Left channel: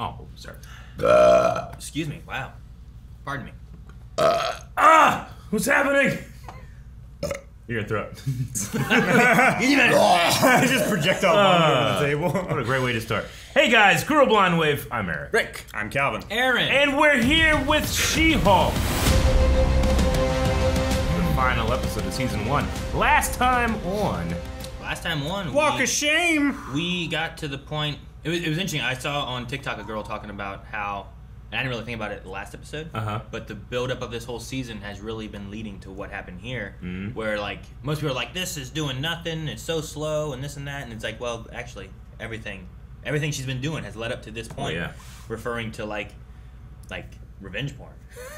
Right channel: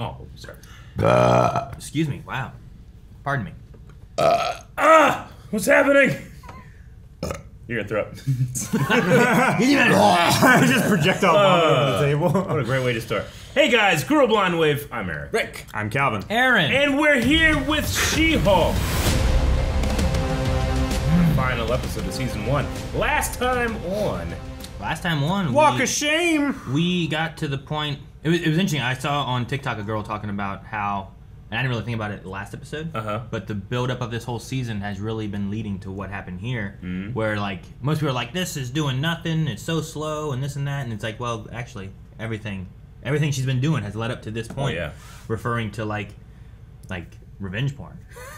Oh, sorry. Excuse me. Wow. Pardon me. What's happening? You're gonna throw up. Just projectile on the table. What a great way to start. Hey guys, Cruel Blind Wave. I'm Eric. Rick. I'm Calvin. Aaron. And we're here with She-Hulk. Final episode of season 1. Last time on, Walk of shame. we got to the point. It was interesting. I saw on TikTok a girl talking about how, and I didn't really think about it last episode, but the build-up of this whole season has really been leading to what happened here, where like most people are like, this is doing nothing, it's so slow, and this and that, and it's like, well, actually, everything she's been doing has led up to this point, referring to like revenge porn,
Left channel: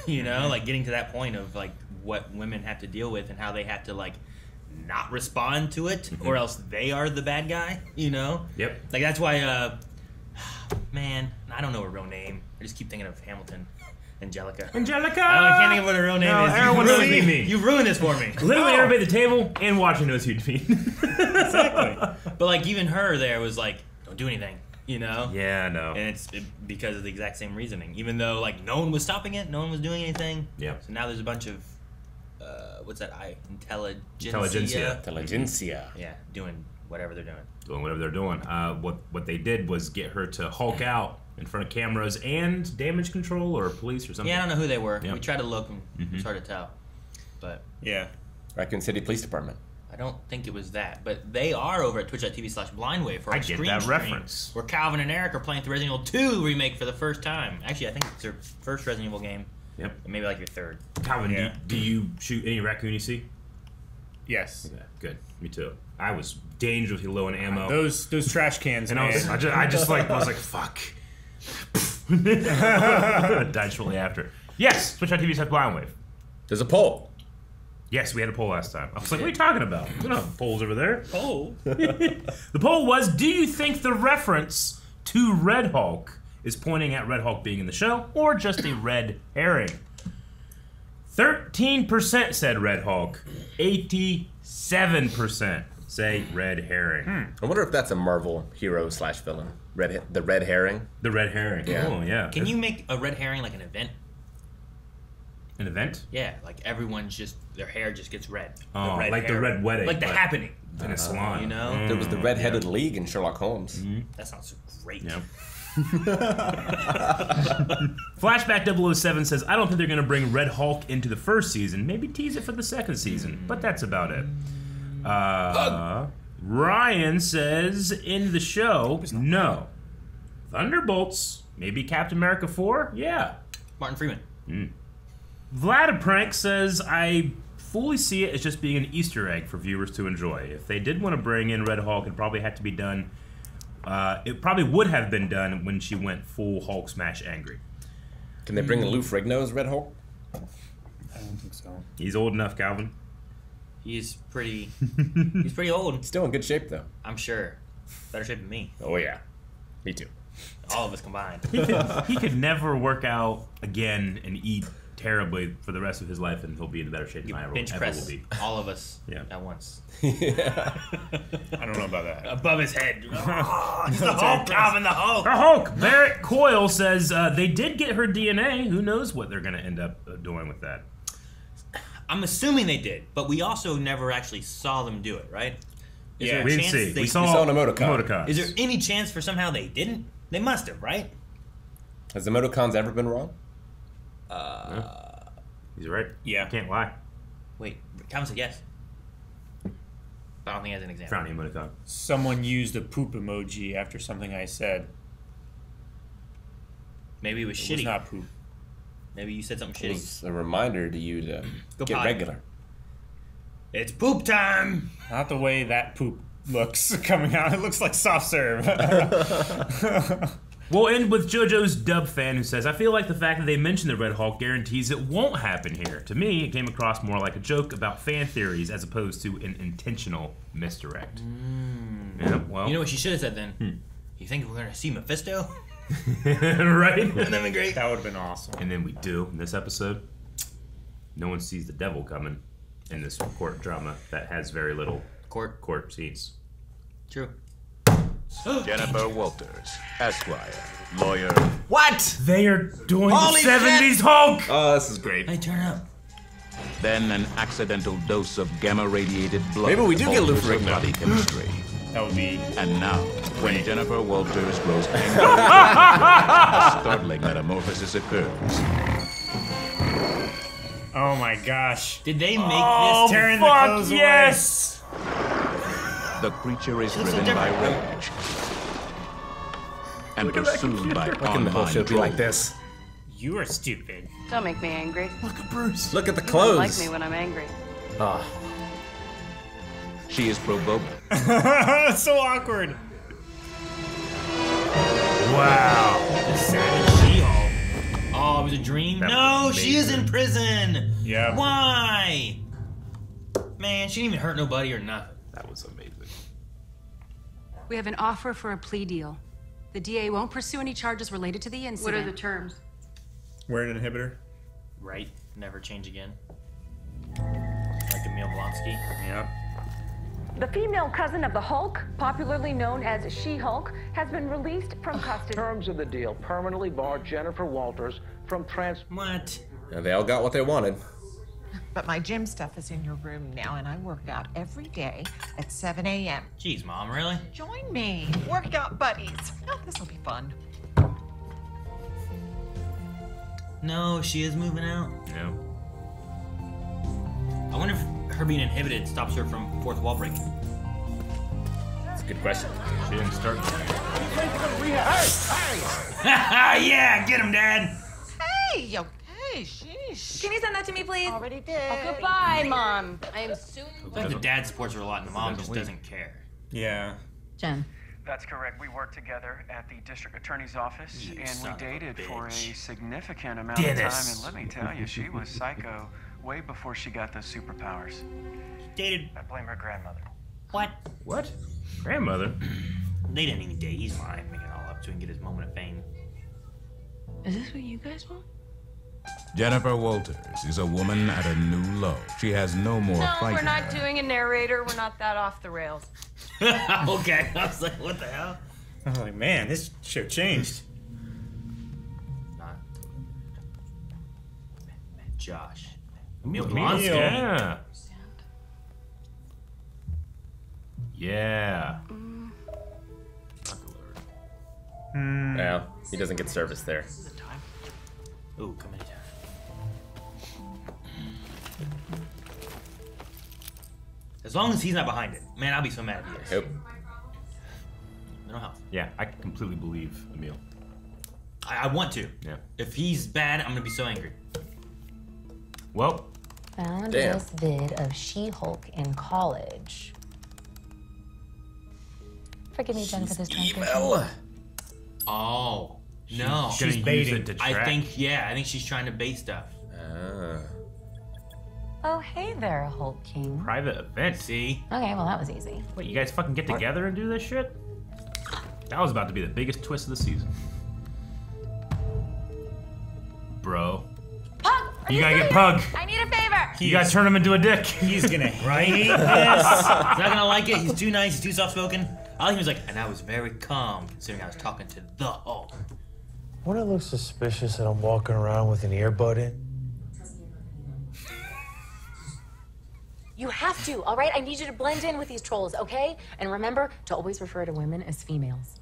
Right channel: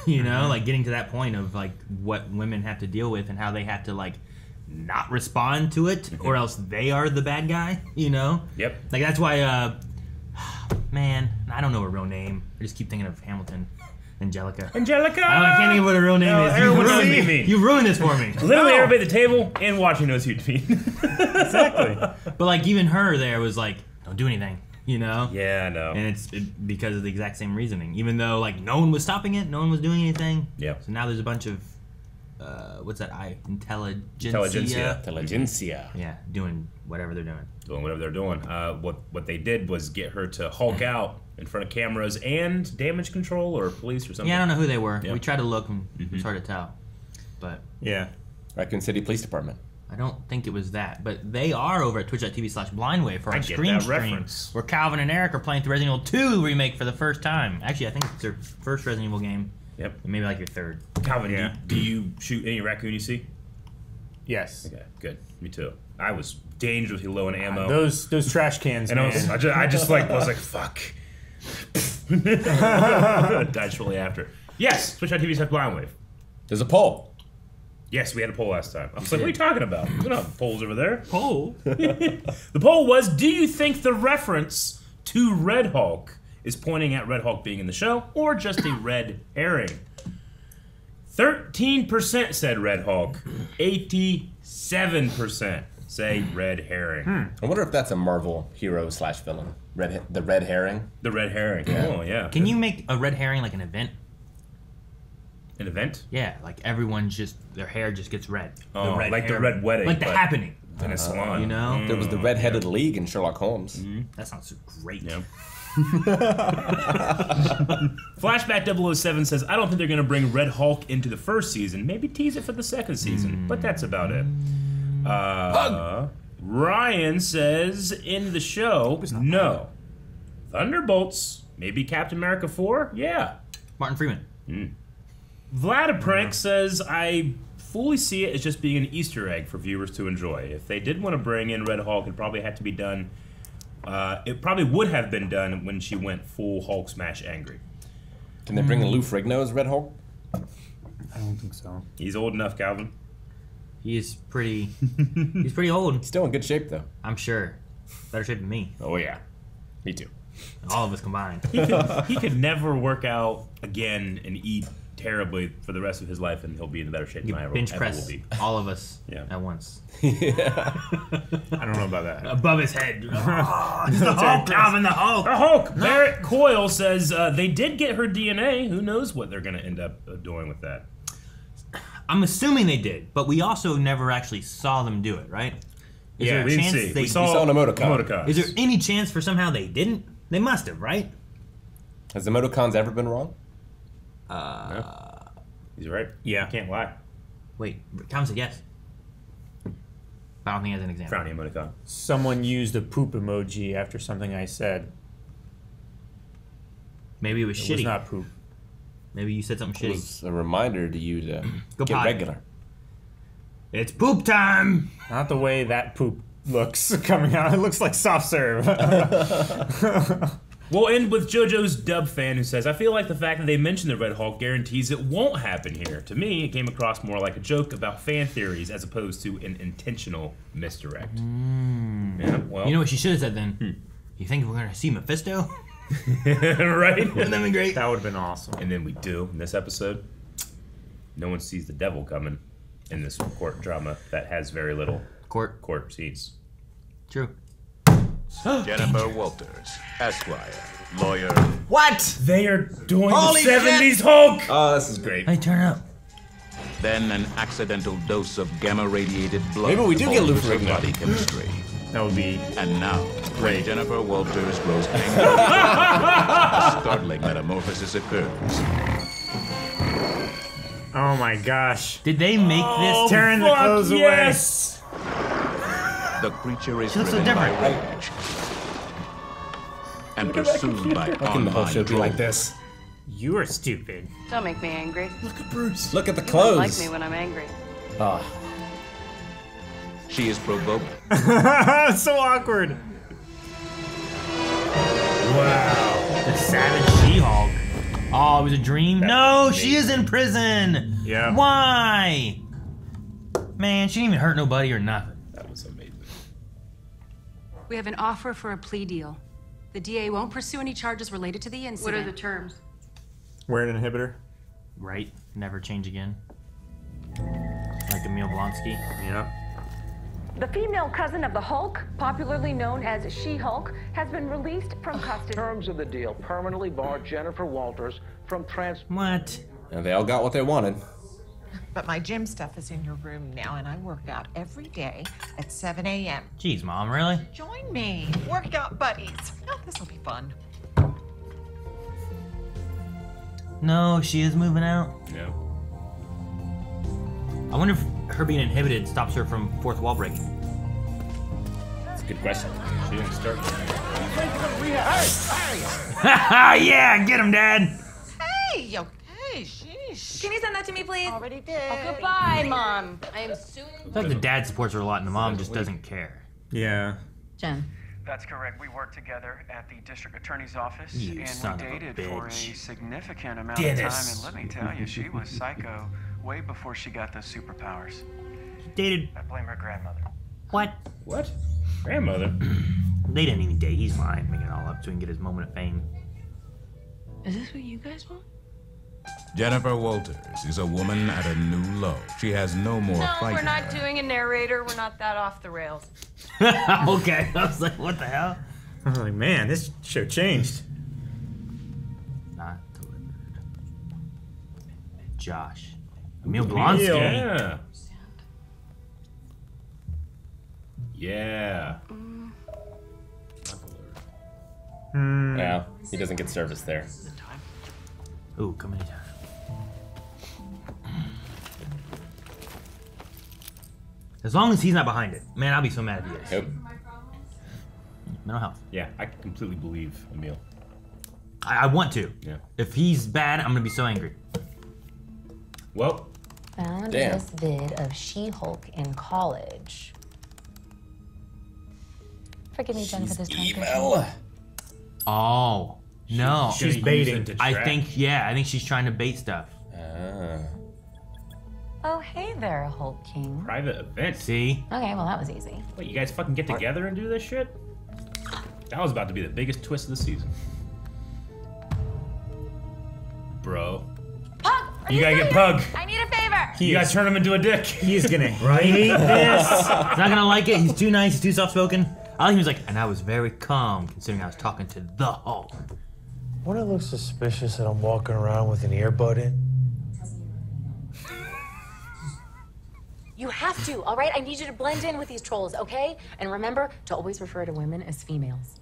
you know, like getting to that point of like what women have to deal with and how they have to like not respond to it, or else they are the bad guy, you know? Yep. Like that's why, man, I don't know her real name. I just keep thinking of Hamilton. Angelica. Angelica! I can't think of what her real name is. Aaron wants to see me. You ruined this for me. Literally everybody at the table and watching those huge feet. Exactly. But like even her there was like, don't do anything, you know? Yeah, I know. And it's because of the exact same reasoning. Even though like no one was stopping it, no one was doing anything. Yep. So now there's a bunch of, what's that? Intelligencia. Yeah, doing whatever they're doing. Doing whatever they're doing. What they did was get her to Hulk out in front of cameras and damage control or police or something. Yeah, I don't know who they were. Yep. We tried to look and it's hard to tell. But Yeah. Raccoon City Police Department. I don't think it was that. But they are over at twitch.tv/blindwave for I our get stream that reference. where Calvin and Eric are playing through Resident Evil 2 remake for the first time. Actually, I think it's their first Resident Evil game. Yep. And maybe like your third. Calvin, Yeah. do you shoot any raccoon you see? Yes. Okay, good. Me too. I was dangerously low in ammo. Those trash cans, And man. I was like, fuck. Died shortly after. Yes, Twitch.tv/blindwave. There's a poll. Yes, we had a poll last time. I was like, what are you talking about? We don't have polls over there. Poll? The poll was, do you think the reference to Red Hulk is pointing at Red Hulk being in the show, or just a red herring? 13% said Red Hulk. 87% say red herring. I wonder if that's a Marvel hero / villain. The red herring. The red herring. Yeah. Oh, yeah. Can you make a red herring like an event? An event? Yeah, like everyone's just, their hair just gets red. Oh, red like the herring. red wedding. Like the but happening. in a salon. You know? There was the Red-Headed League in Sherlock Holmes. That sounds great. Yeah. Flashback 007 says, I don't think they're going to bring Red Hulk into the first season. Maybe tease it for the second season. But that's about it. Ryan says, in the show, no. Thunderbolts. Maybe Captain America 4? Yeah. Martin Freeman. Vladiprank says, I fully see it as just being an Easter egg for viewers to enjoy. If they did want to bring in Red Hulk, it probably had to be done. It probably would have been done when she went full Hulk smash angry. Can they bring Lou Ferrigno as Red Hulk? I don't think so. He's old enough, Calvin. He's pretty old. Still in good shape, though. I'm sure. Better shape than me. Oh, yeah. Me too. All of us combined. He could never work out again and eat terribly for the rest of his life, and he'll be in better shape than I Bench ever press will be. all of us Yeah. at once. I don't know about that. Above his head. Oh, it's the Hulk, Calvin, the Hulk. The Hulk! Barrett Coyle says they did get her DNA. Who knows what they're going to end up doing with that? I'm assuming they did, but we also never actually saw them do it, right? Is Yeah, there a we didn't chance see. they- We saw an emoticon. emoticons. Is there any chance for somehow they didn't? They must have, right? Has the emoticons ever been wrong? He's right. Yeah. Can't lie. Wait, Calvin said yes. But I don't think he has an example. Frowny emoticon. Someone used a poop emoji after something I said. Maybe it was It shitty. was not poop. Maybe you said something It shitty. was a reminder to you to Go get potty. regular. It's poop time! Not the way that poop looks coming out. It looks like soft serve. We'll end with JoJo's Dub fan who says, I feel like the fact that they mentioned the Red Hulk guarantees it won't happen here. To me, it came across more like a joke about fan theories as opposed to an intentional misdirect. Yeah, well. You know what she should have said then? You think we're gonna see Mephisto? right? Wouldn't that be great? That would have been awesome. And then we do, in this episode, no one sees the devil coming in this court drama that has very little Court. court scenes. True. Jennifer Walters. Esquire, lawyer. What? They are doing Holy the 70s Hulk! Oh, this is great. Hey, turn up. Then an accidental dose of gamma-radiated blood Maybe we do get alters her Luffy. body chemistry. That would be. And now, when Jennifer Walters grows kangaroo, a startling metamorphosis occurs. Oh my gosh. Did they make this? Tearing the clothes yes! The creature is She looks so driven by different. rage and pursued by online Should be trolls. like this. You are stupid. Don't make me angry. Look at the You clothes. don't like me when I'm angry. Oh. She is provoked So awkward. Wow. The Savage She-Hulk. Oh, it was a dream? No, she is in prison. Yep. Why? Man, she didn't even hurt nobody or nothing. That was amazing. We have an offer for a plea deal. The DA won't pursue any charges related to the incident. What are the terms? Wear an inhibitor. Right? Never change again. Like Emil Blonsky. Yeah. The female cousin of the Hulk, popularly known as She-Hulk, has been released from custody. Terms of the deal permanently bar Jennifer Walters from What? And they all got what they wanted. But my gym stuff is in your room now, and I work out every day at 7 a.m. Jeez, Mom, really? Join me, workout buddies. Oh, this will be fun. No, she is moving out. Yeah. I wonder if her being inhibited stops her from fourth wall breaking. That's a good question. She didn't start. Yeah, get him, Dad. Hey, okay, sheesh. Can you send that to me, please? Already did. Oh, goodbye, Mom. I am soon. It's like the dad supports her a lot and the mom just doesn't care. Yeah. Jen. That's correct. We worked together at the district attorney's office, You and son we of a dated for a bitch. significant amount of time. And let me tell you, she was psycho way before she got those superpowers. Dated I blame her grandmother. what? What? Grandmother? They didn't even date. He's lying, making it all up so he can get his moment of fame. Is this what you guys want? Jennifer Walters is a woman at a new low. She has no more No, fight we're in not her. doing a narrator. We're not that off the rails. Okay, I was like, what the hell? I was like, man, this show changed. Not Josh. Emil Blonsky. Yeah. Yeah. Yeah, he doesn't get service there. Ooh, come in. As long as he's not behind it. Man, I'll be so mad if he is. Yep. Mental health. Yeah, I completely believe Emil. I want to. Yeah. If he's bad, I'm gonna be so angry. Well, Found Damn. this vid of She-Hulk in college. Forgive me, Jen, for this transcription. Oh. No. She's gonna baiting. use it to I track. think she's trying to bait stuff. Oh, hey there, Hulk King. Private event. See? Okay, well, that was easy. What, you guys fucking get together and do this shit? That was about to be the biggest twist of the season. Bro. Pug, are You gotta get Pug. I need a favor. You guys turn him into a dick. He's gonna hate this. He's not gonna like it. He's too nice. He's too soft-spoken. I like him. He was like, and I was very calm considering I was talking to the Hulk. Wouldn't it look suspicious that I'm walking around with an earbud in? You have to, all right? I need you to blend in with these trolls, okay? And remember to always refer to women as females.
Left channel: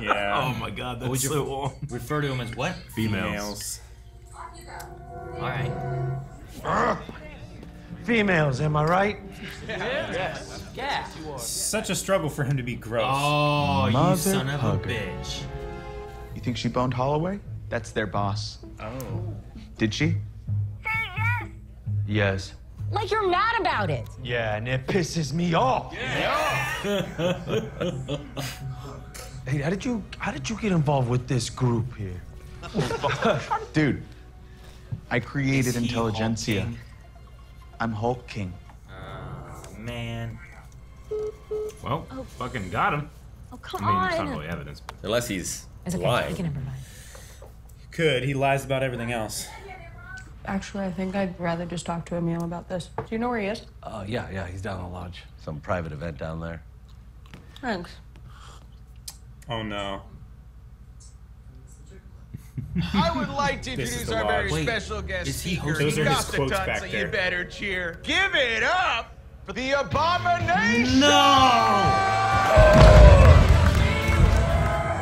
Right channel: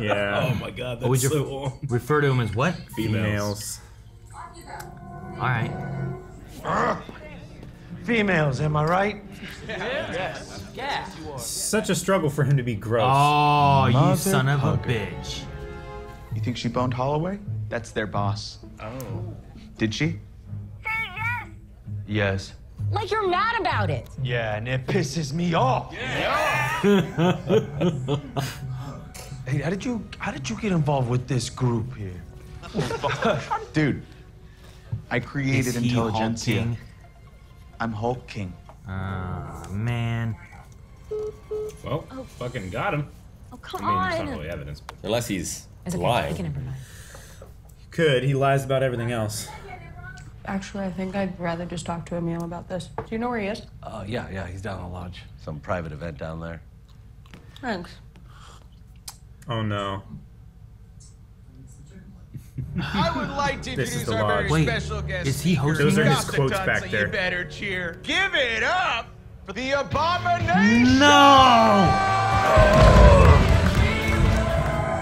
Yeah. Oh my god, that's Always so on. refer to him as what? Females. All right. Females, am I right? Such a struggle for him to be gross. Oh, you Mother son of a pugger. bitch. You think she boned Holloway? That's their boss. Oh. Did she? Yes. Like you're mad about it. Yeah, and it pisses me off. Hey, how did you get involved with this group here? Dude, I created Is he Intelligencia. Hulk King? I'm Hulk King. Man. Well, fucking got him. Oh, come I mean, there's not on. really evidence. But Unless he's It's okay. lying. We can improvise. Could. He lies about everything else. Actually, I think I'd rather just talk to Emil about this. Do you know where he is? Yeah, he's down in the lodge. Some private event down there. Thanks. Oh no. I would like to introduce our very special guest speaker. Those are his Got the quotes tons, back so there. you better cheer. Give it up for the Abomination! No!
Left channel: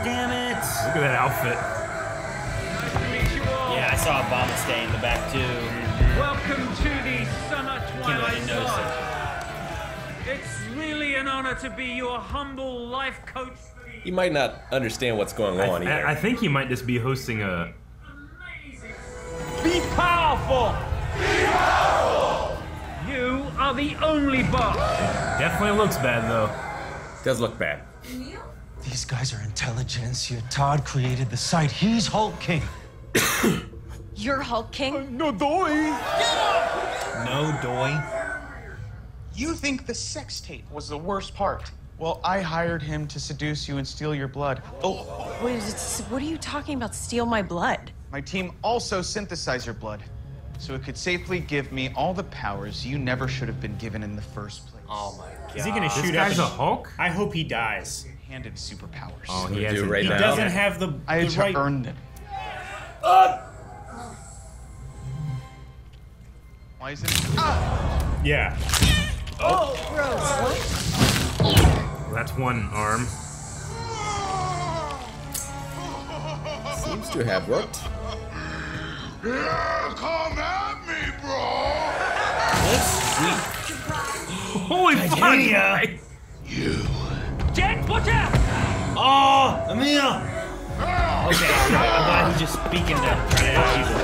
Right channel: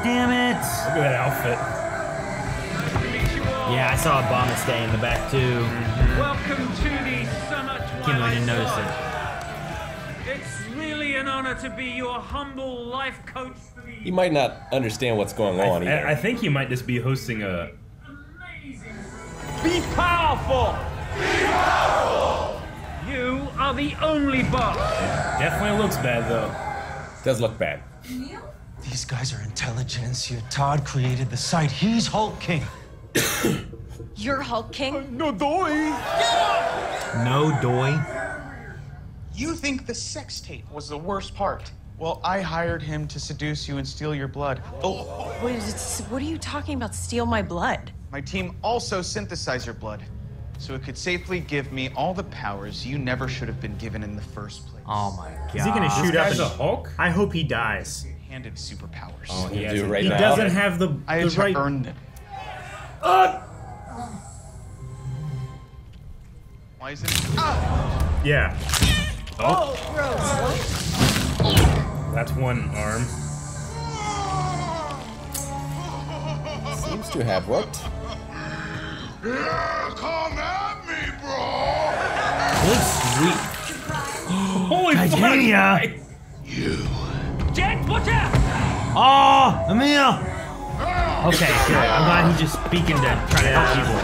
Damn it! Look at that outfit. Yeah, I saw Obama stay in the back too. Welcome to the Summer Twilight didn't notice Zone. It's really an honor to be your humble life coach. He might not understand what's going on. I think he might just be hosting a. Be powerful! Be powerful! You are the only boss. Definitely looks bad though. Does look bad. These guys are intelligentsia. Todd created the site. He's Hulk King. You're Hulk King? No doy. No doy. You think the sex tape was the worst part? Well, I hired him to seduce you and steal your blood. Oh. Wait, what are you talking about? Steal my blood? My team also synthesized your blood, so it could safely give me all the powers you never should have been given in the first place. Oh my god. Is he gonna shoot up a Hulk? I hope he dies. Handed superpowers. Oh, he has. He doesn't have the. I had the to right... earn them. Why is it? Ah! Yeah. Oh, gross. What? That's one arm. Seems to have worked. Yeah, come at me, bro! Holy Titania! You. Jet, watch out! Oh, Emil! Okay, I'm glad he's just speaking to try to help people.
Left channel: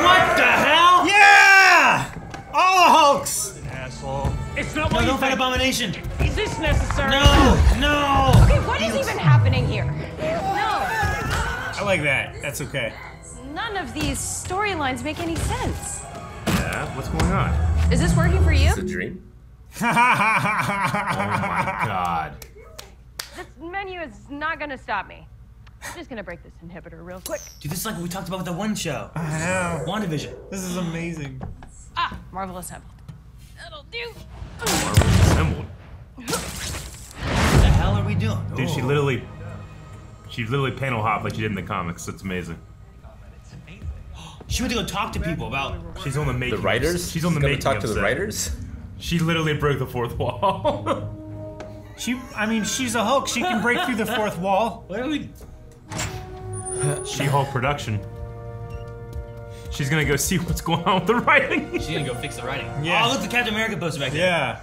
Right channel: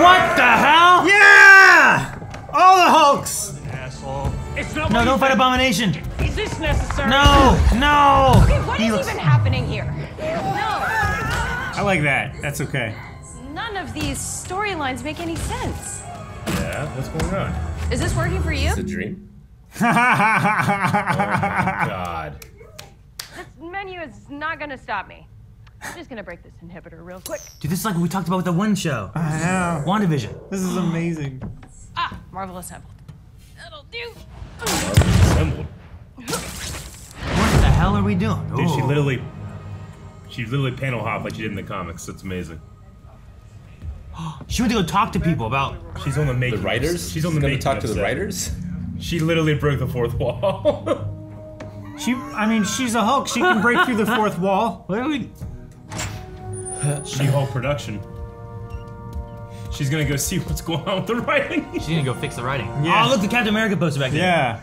What the hell? Yeah! All the Hulks! Asshole. It's not No, what you don't fight think. Abomination. Is this necessary? No, no. Okay, what is even happening here? No. I like that. That's okay. None of these storylines make any sense. Yeah, what's going on? Is this working for you? It's a dream. Oh my god. This menu is not gonna stop me. I'm just gonna break this inhibitor real quick. Dude, this is like what we talked about with the one show. I know. WandaVision. This is amazing. Ah, Marvel assembled. That'll do. What the hell are we doing? Dude, she Oh. literally panel hopped like she did in the comics. It's amazing. She went to go talk to people about. She's on the making. The writers? She's on the She's gonna making. talk of to the set. writers? She literally broke the fourth wall. I mean, she's a Hulk. She can break through the fourth wall. What are we? She-Hulk production. She's gonna go see what's going on with the writing. She's gonna go fix the writing. Yeah. Oh, look, the Captain America poster back there. Yeah.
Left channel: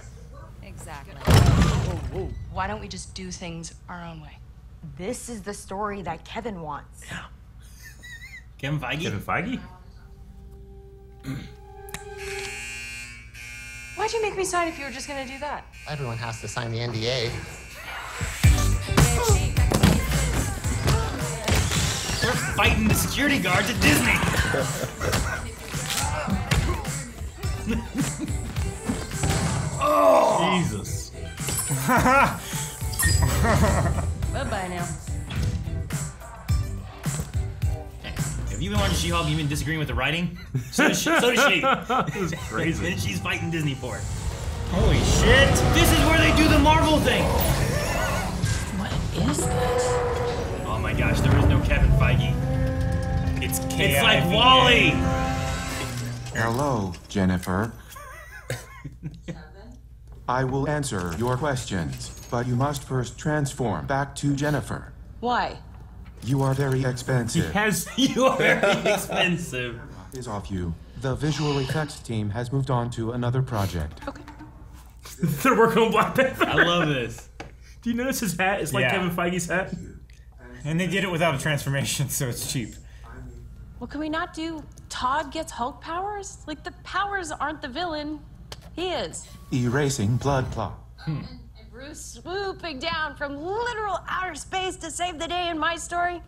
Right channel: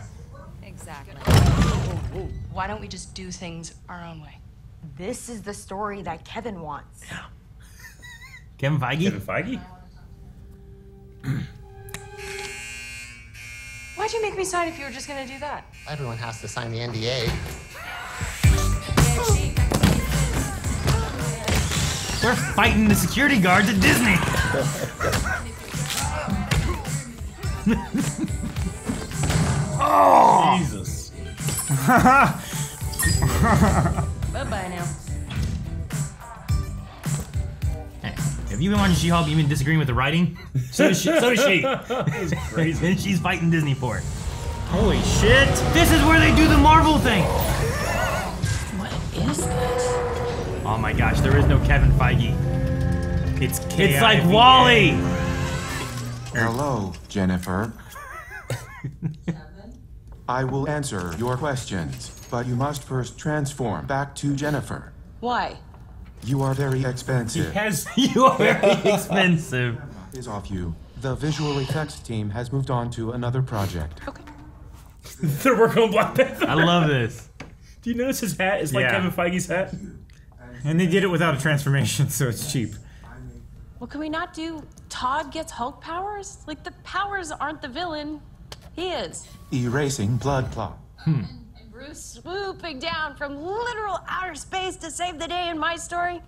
Exactly. Why don't we just do things our own way? This is the story that Kevin wants. Kevin Feige? Kevin Feige? Why'd you make me sign if you were just gonna do that? Everyone has to sign the NDA. They're fighting the security guards at Disney. Oh! Jesus. Bye-bye now. Have you been watching She-Hulk? You been disagreeing with the writing? So does she. It's crazy. And she's fighting Disney for it. Holy shit! This is where they do the Marvel thing. What is this? Oh my gosh, there is no Kevin Feige. It's It's like Wally. Hello, Jennifer. I will answer your questions, but you must first transform back to Jennifer. Why? You are very expensive. You are very expensive. Is off you. The visual effects team has moved on to another project. They're working on Black Panther. I love this. Do you notice his hat is like Yeah. Kevin Feige's hat? And they did it without a transformation, so it's cheap. Well, can we not do Todd gets Hulk powers? Like, the powers aren't the villain. He is. Erasing blood clot. Bruce swooping down from literal outer space to save the day in my story?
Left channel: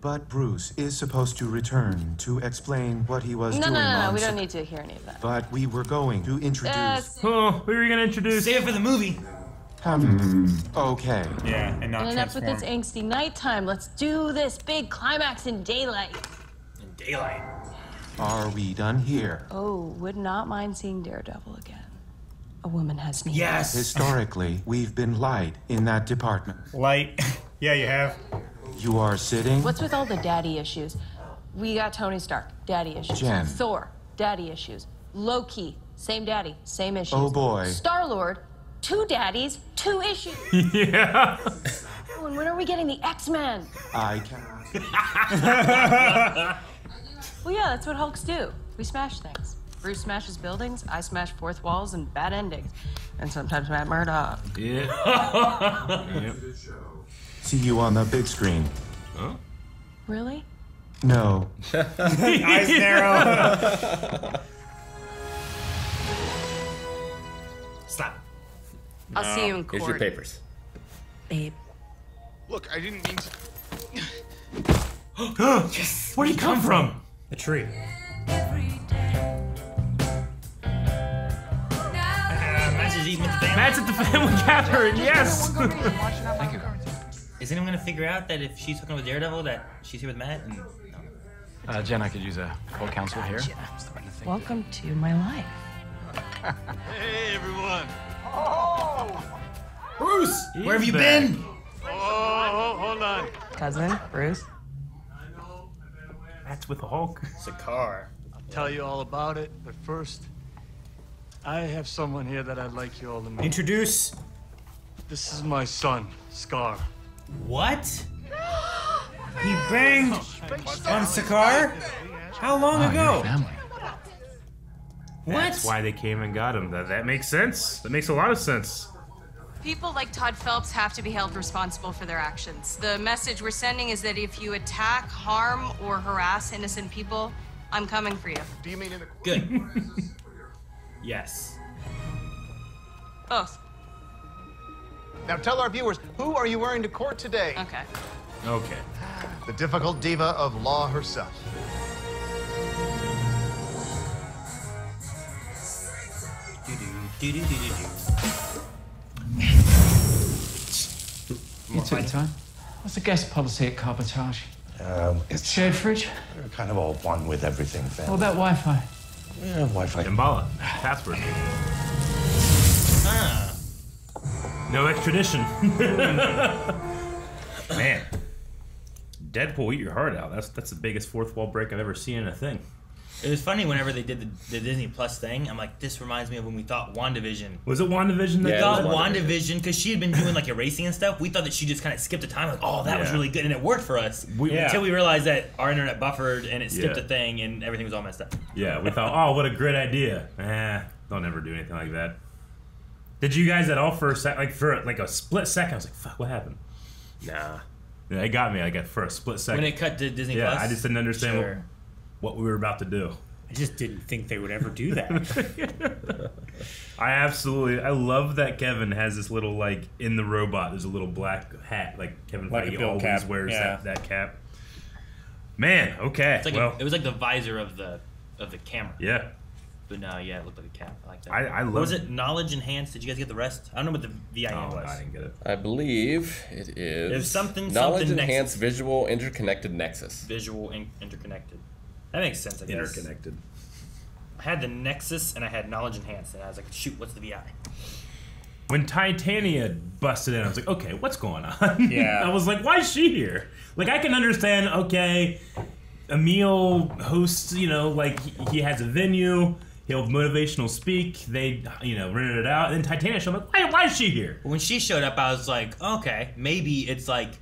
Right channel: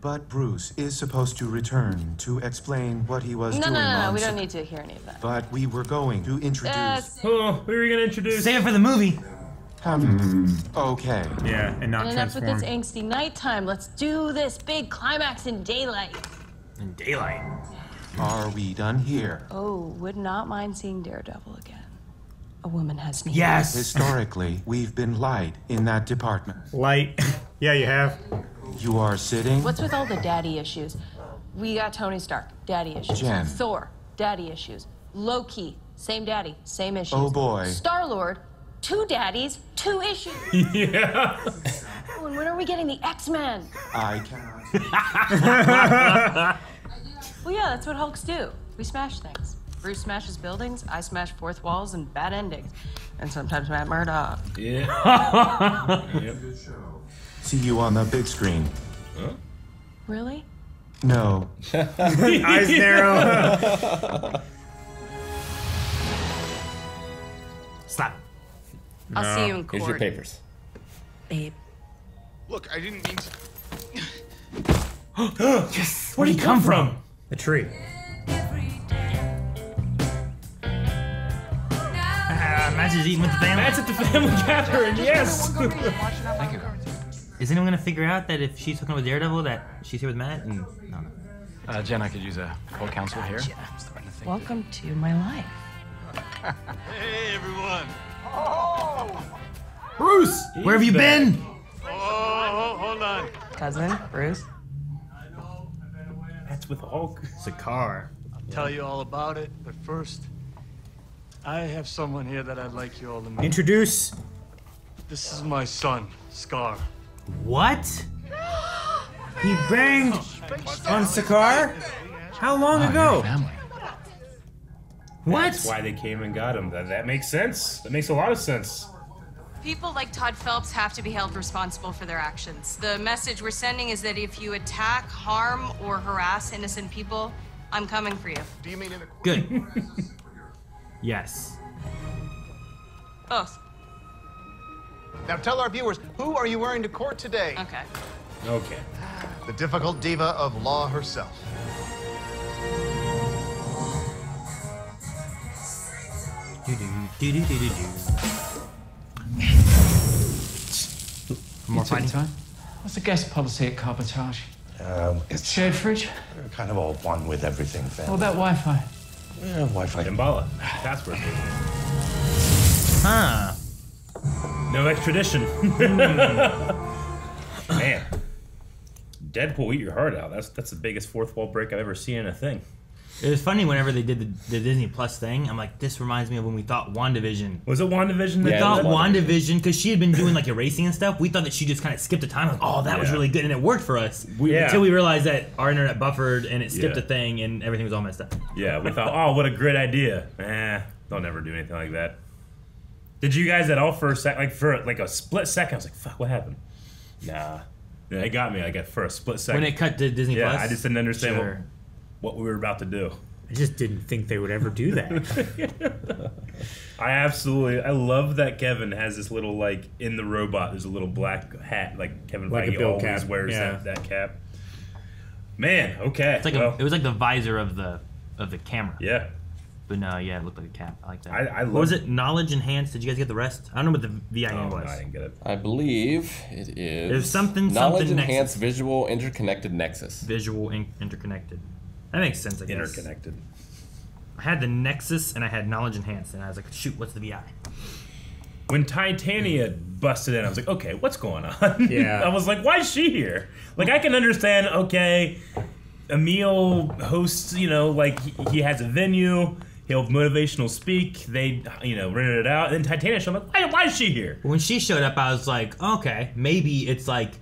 But Bruce is supposed to return to explain what he was doing No, on we set. don't need to hear any of that. But we were going to introduce... Oh, we were gonna introduce... Save it for the movie. Okay. Yeah, and not And enough with transform. this angsty nighttime. Let's do this big climax in daylight. In daylight. Are we done here? Oh, would not mind seeing Daredevil again. a woman has needs. Yes. Historically, we've been light in that department. Light. Yeah, you have. You are sitting. What's with all the daddy issues? We got Tony Stark, daddy issues. Jen. Thor, daddy issues. Loki, same daddy, same issues. Oh, boy. Star-Lord, 2 daddies, 2 issues. Yeah. Oh, and when are we getting the X-Men? I cannot. Well, yeah, that's what Hulks do. We smash things. Bruce smashes buildings, I smash fourth walls and bad endings. And sometimes Matt Murdock. Yeah. See you on the big screen. Huh? Really? No. Eyes narrow. Slap. I'll see you in Here's your court. papers. Babe. Look, I didn't mean to. Yes. Where'd he come from? The tree. Matt's just eating with the family. Matt's at the family gathering, yes. Thank you. Is anyone gonna figure out that if she's hooking with Daredevil, that she's here with Matt? And no. Jen, I could use a full counsel here. Welcome to my life. Hey, everyone. Bruce, where have you been? Oh, hold on. Cousin, Bruce. That's with Hulk. Sakar. I'll tell you all about it, but first, I have someone here that I'd like you all to meet. Introduce. This is my son, Scar. What? He banged on Sakar? How long ago? What? That's why they came and got him. That makes sense. That makes a lot of sense. People like Todd Phelps have to be held responsible for their actions. The message we're sending is that if you attack, harm, or harass innocent people, I'm coming for you. Do you mean in a... Good. Yes. Both. Now tell our viewers, who are you wearing to court today? Okay. Okay. The difficult diva of law herself. You took your time. What's the guest policy at Carbotage? It's Shared fridge? We're kind of all one with everything, family. What about Wi-Fi? Yeah, Wi-Fi. Damballa. Password. Huh. No extradition. Man. Deadpool, eat your heart out. That's the biggest fourth wall break I've ever seen in a thing. It was funny whenever they did the Disney Plus thing. I'm like, this reminds me of when we thought WandaVision. Was it WandaVision? We thought WandaVision, because she had been doing like erasing and stuff. We thought that she just kind of skipped a time. Like, oh, that was really good, and it worked for us. Until we realized that our internet buffered and it skipped a thing, and everything was all messed up. Yeah, we thought, oh, what a great idea. They'll never do anything like that. Did you guys at all for a split second? I was like, fuck, what happened? Nah. Yeah, it got me. I got for a split second. When it cut to Disney Plus? I just didn't understand what we were about to do. I just didn't think they would ever do that. I love that Kevin has this little, like, in the robot, there's a little black hat, like Kevin Feige always cap. wears that cap. Man, okay. It's like it was like the visor of the camera. Yeah. But no, yeah, it looked like a cap. I like that. I what was it? Knowledge enhanced? Did you guys get the rest? I don't know what the VIN was. I didn't get it. I believe it is. There's something Knowledge nexus. enhanced visual interconnected nexus. Visual interconnected. That makes sense, I guess. Interconnected. I had the Nexus and I had Knowledge Enhanced, and I was like, shoot, what's the VI? When Titania busted in, I was like, okay, what's going on? Yeah. I was like, why is she here? Like, I can understand, okay, Emil hosts, like, he has a venue, he'll motivational speak, they, rented it out, and then Titania showed up, why is she here? When she showed up, I was like, okay, maybe it's like,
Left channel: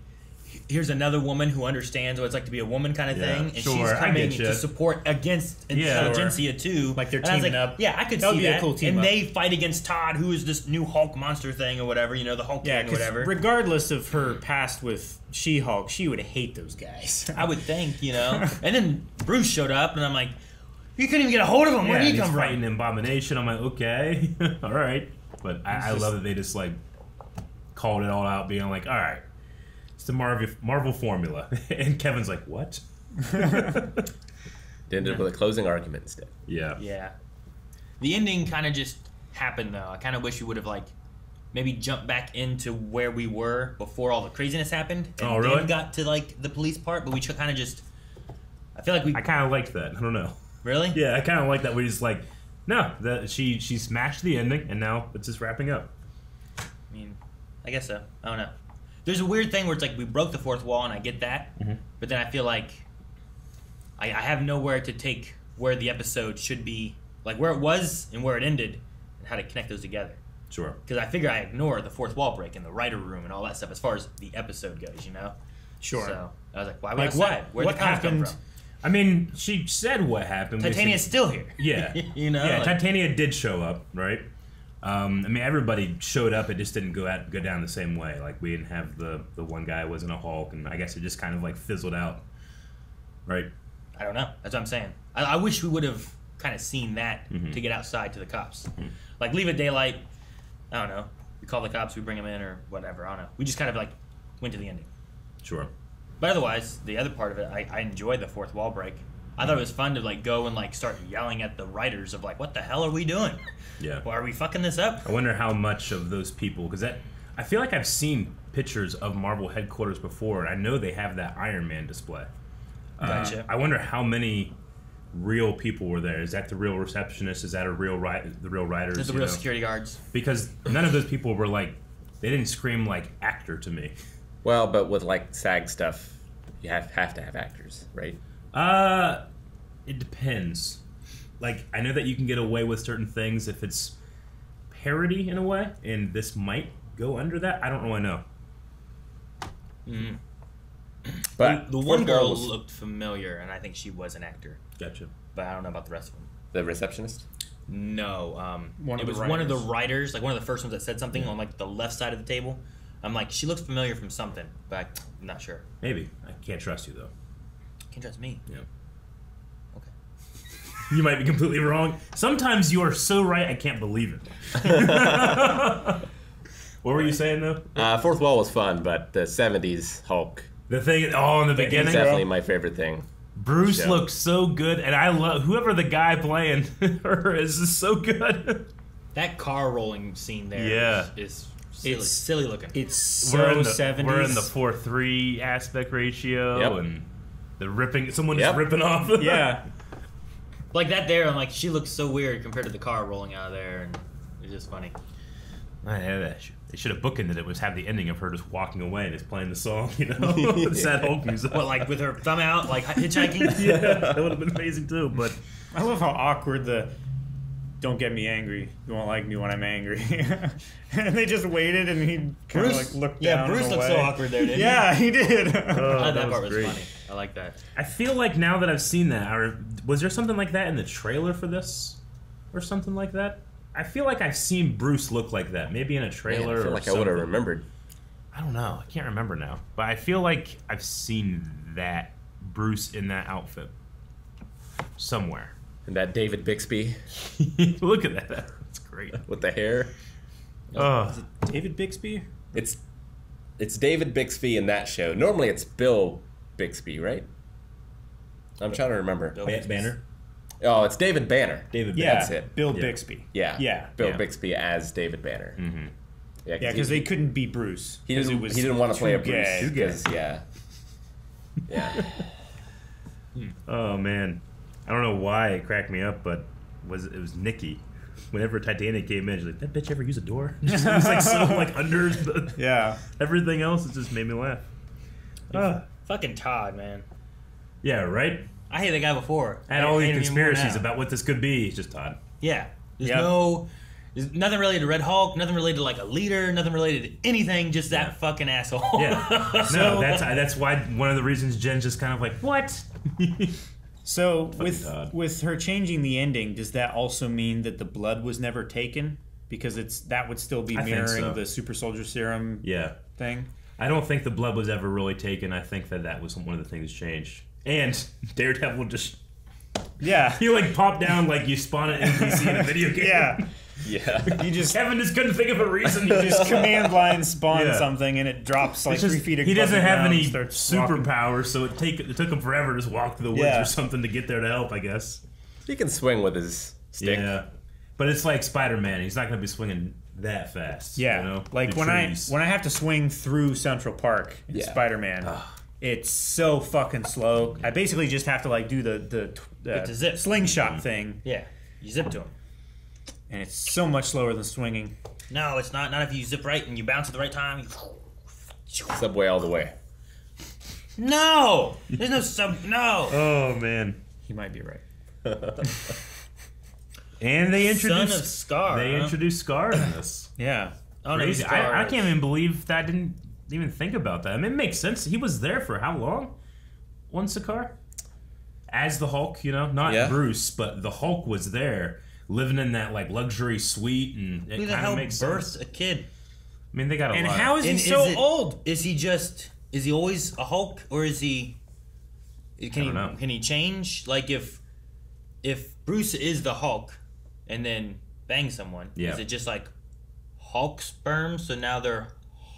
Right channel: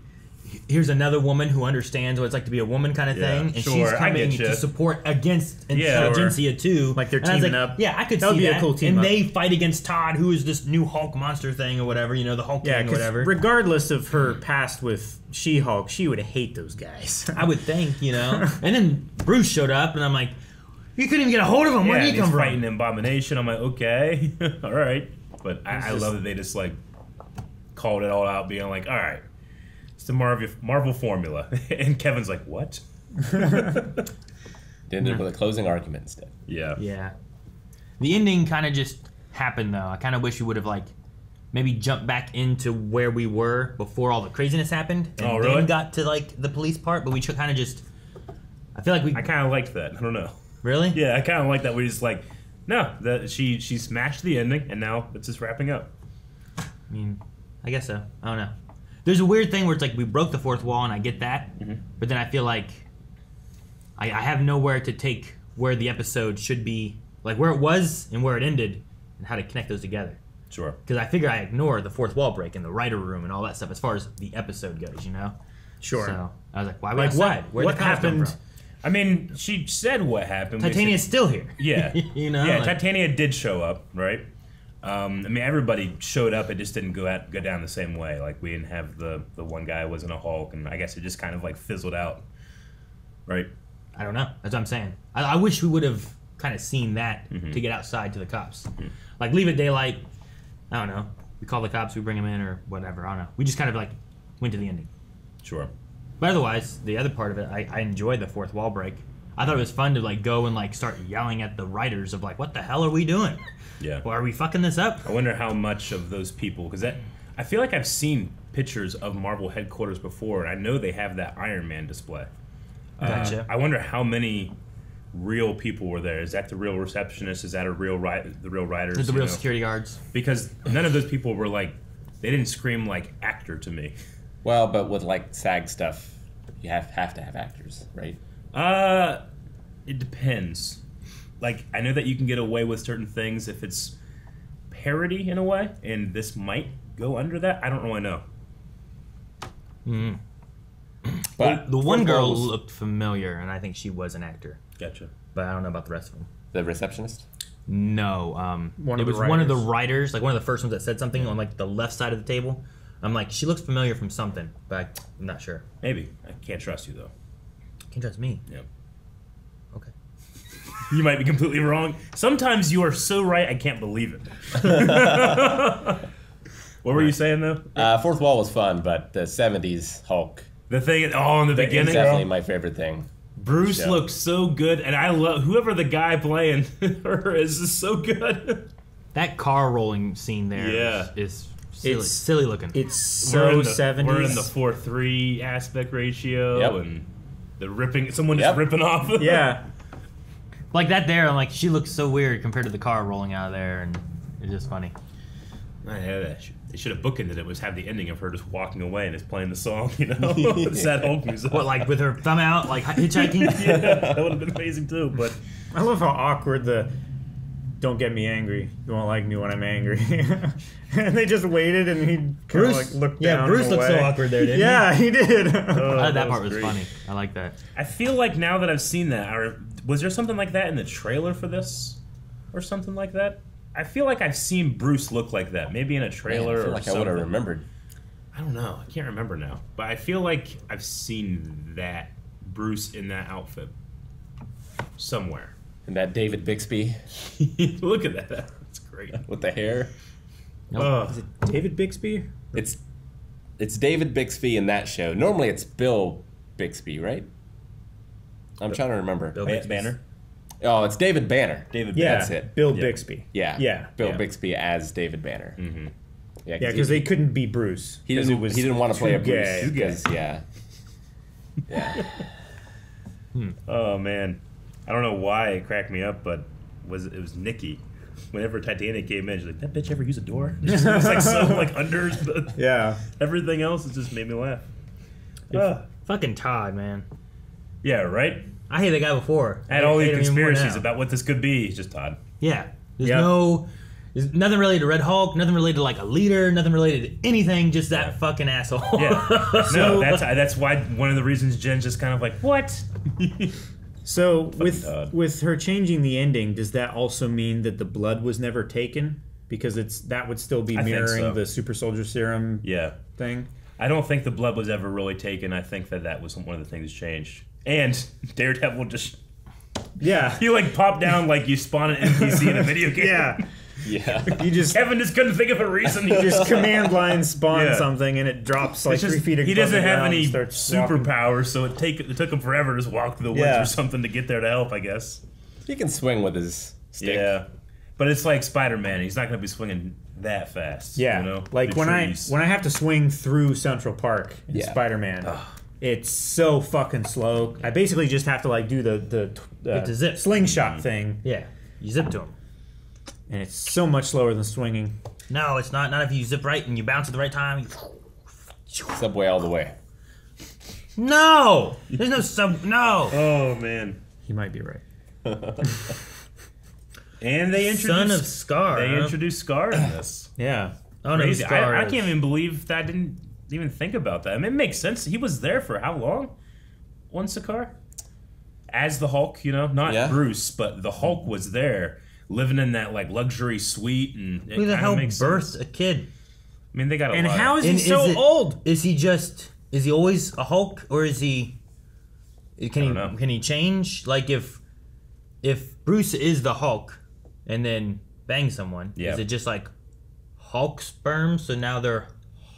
here's another woman who understands what it's like to be a woman kind of thing, and she's coming to support against Intelligencia too. Like they're teaming up. Yeah, I could that would see be that. A cool team and up. they fight against Todd, who is this new Hulk monster thing or whatever, the Hulk King or whatever. Regardless of her past with She-Hulk, she would hate those guys. I would think, And then Bruce showed up, and I'm like, you couldn't even get a hold of him. Where did he come from? Fighting Abomination. I'm like, okay, all right. But I love that they just like called it all out, being like, all right. The Marvel formula. And Kevin's like, what? Did it with a closing argument instead. Yeah. Yeah. The ending kind of just happened, though. I kind of wish we would have, like, maybe jumped back into where we were before all the craziness happened. And then got to, like, the police part. But we kind of just... I feel like we... I kind of liked that. I don't know. Really? Yeah, I kind of like that. We just, like... No, she smashed the ending, and now it's just wrapping up. I mean, I guess so. I don't know. There's a weird thing where it's like we broke the fourth wall, and I get that, but then I feel like I have nowhere to take where the episode should be, like where it was and where it ended, and how to connect those together. Sure. Because I figure I ignore the fourth wall break and the writer room and all that stuff as far as the episode goes, you know? Sure. So I was like, why would Like I say what? it? Where What did the cops come happened? from? I mean, she said what happened. Titania's still here. Yeah. You know, Yeah, like- Titania did show up, right? I mean, everybody showed up. It just didn't go down the same way. Like, we didn't have the one guy wasn't a Hulk, and I guess it just kind of, like, fizzled out, right? I don't know. That's what I'm saying. I wish we would have kind of seen that to get outside to the cops. Like, leave it daylight. I don't know. We call the cops, we bring them in, or whatever. I don't know. We just kind of, like, went to the ending. Sure. But otherwise, the other part of it, I enjoyed the fourth wall break. I thought it was fun to, like, go and, like, start yelling at the writers of, like, what the hell are we doing? Yeah. Well, are we fucking this up? I wonder how much of those people, because I feel like I've seen pictures of Marvel headquarters before, and I know they have that Iron Man display. Gotcha. I wonder how many real people were there. Is that the real receptionist? Is that the real writers? The real security guards. Because none of those people were like, they didn't scream like actor to me. Well, but with like SAG stuff, you have to have actors, right? It depends. Like, I know that you can get away with certain things if it's parody in a way, and this might go under that. I don't really know. But the one girl looked familiar, and I think she was an actor. Gotcha. But I don't know about the rest of them. The receptionist? No. One of the writers, like one of the first ones that said something on like the left side of the table. I'm like, she looks familiar from something, but I'm not sure. Maybe. I can't trust you, though. Can't trust me? Yep. Okay. You might be completely wrong. Sometimes you are so right, I can't believe it. What were you saying, though? Fourth Wall was fun, but the 70s Hulk. The thing, in the beginning? It's definitely my favorite thing. Bruce looks so good, and I love whoever the guy playing her is so good. That car rolling scene there is silly looking. It's so 70s. We're in the 4:3 aspect ratio, and the ripping. Someone just ripping off. Yeah. Like that there, I'm like, she looks so weird compared to the car rolling out of there, and it's just funny. They should have bookended it. Was have the ending of her just walking away and just playing the song, you know, sad Hulk music. What, like with her thumb out, like hitchhiking? Yeah, that would have been amazing too. But I love how awkward the "don't get me angry, you won't like me when I'm angry." And they just waited, and he kind of like looked down. Yeah, Bruce looked so awkward there, didn't he? Yeah, he did. That part was great. funny. I like that. I feel like now that I've seen that, was there something like that in the trailer for this, or something like that? I feel like I've seen Bruce look like that, maybe in a trailer I feel or like something. I would have remembered. I don't know. I can't remember now, but I feel like I've seen that Bruce in that outfit somewhere. And that David Bixby. Look at that. That's great. With the hair. Oh. Is it David Bixby? It's David Bixby in that show. Normally it's Bill Bixby, right? I'm trying to remember. Bill Banner? Oh, it's David Banner. That's it. Bill Bixby. Yeah. Bill Bixby as David Banner. Mm-hmm. Yeah, because they couldn't be Bruce. He didn't want to play a Bruce. Too gay. Yeah. Oh man, I don't know why it cracked me up, but it was Nikki. Whenever Titania came in, she's like, "That bitch ever use a door?" It was like so like under. Everything else, it just made me laugh. Fucking Todd, man. Yeah, right. I hated that guy before. I had all these hate him even more conspiracies now. about what this could be. He's just Todd. Yeah. There's nothing related to Red Hulk, nothing related to like a leader, nothing related to anything, just that fucking asshole. Yeah. No, that's why one of the reasons Jen's just kind of like, what? So with her changing the ending, does that also mean that the blood was never taken? Because that would still be mirroring the super soldier serum thing? I don't think the blood was ever really taken. I think that was one of the things changed. And Daredevil just... Yeah. He like popped down like you spawn an NPC in a video game. Yeah. Kevin just couldn't think of a reason. You just command line spawn something and it drops like 3 feet across. He doesn't have any superpowers, superpowers, so it took him forever to just walk through the woods or something to get there to help, I guess. He can swing with his stick. Yeah. But it's like Spider-Man. He's not going to be swinging that fast. Yeah. You know? Like when I have to swing through Central Park in Spider-Man, it's so fucking slow. I basically just have to like do the slingshot thing. Yeah. You zip to him. And it's so much slower than swinging. No, it's not. Not if you zip right and you bounce at the right time. Subway all the way. No! There's no sub... No! Oh, man. He might be right. And they introduced... Son of Scar. They introduced Scar in this. Yeah. Oh, Crazy. no, Scar I can't even believe that I didn't even think about that. I mean, it makes sense. He was there for how long? On Sakaar? As the Hulk, you know? Not Bruce, but the Hulk was there, living in that, like, luxury suite, and it Who the kind hell of makes birthed sense. a kid? I mean, they got a And lot. how is he so old? Is he just... Is he always a Hulk, or is he... Can he change? Like, if Bruce is the Hulk, and then bang someone, is it just like Hulk sperm, so now they're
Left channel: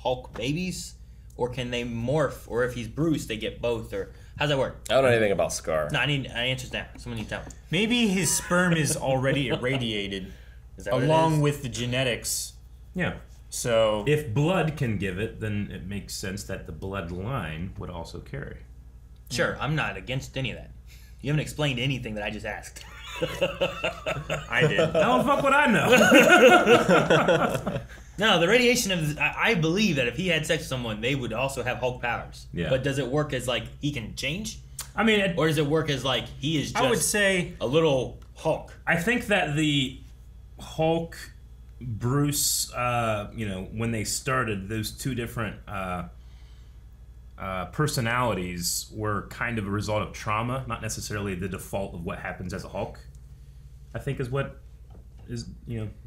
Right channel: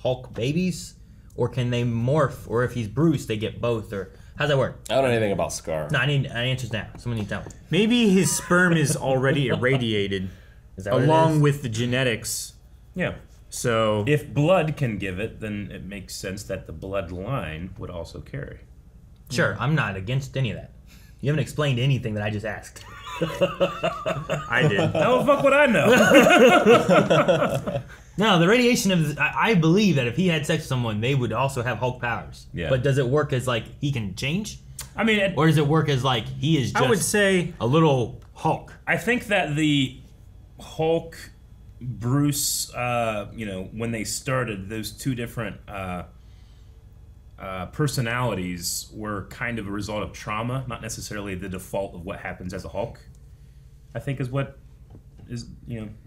Hulk babies? Or can they morph? Or if he's Bruce, they get both? Or how's that work? I don't know anything about Scar. No, I need answers now. Someone needs that one. Maybe his sperm is already irradiated Is that what it along is? with the genetics. Yeah. So if blood can give it, then it makes sense that the bloodline would also carry. Sure, I'm not against any of that. You haven't explained anything that I just asked. I did. How the fuck would I know? No, the radiation of... I believe that if he had sex with someone, they would also have Hulk powers. Yeah. But does it work as, like, he can change? I mean... or does it work as, like, he is just I would say a little Hulk? I think that the Hulk, Bruce, when they started, those two different personalities were kind of a result of trauma, not necessarily the default of what happens as a Hulk. I think is what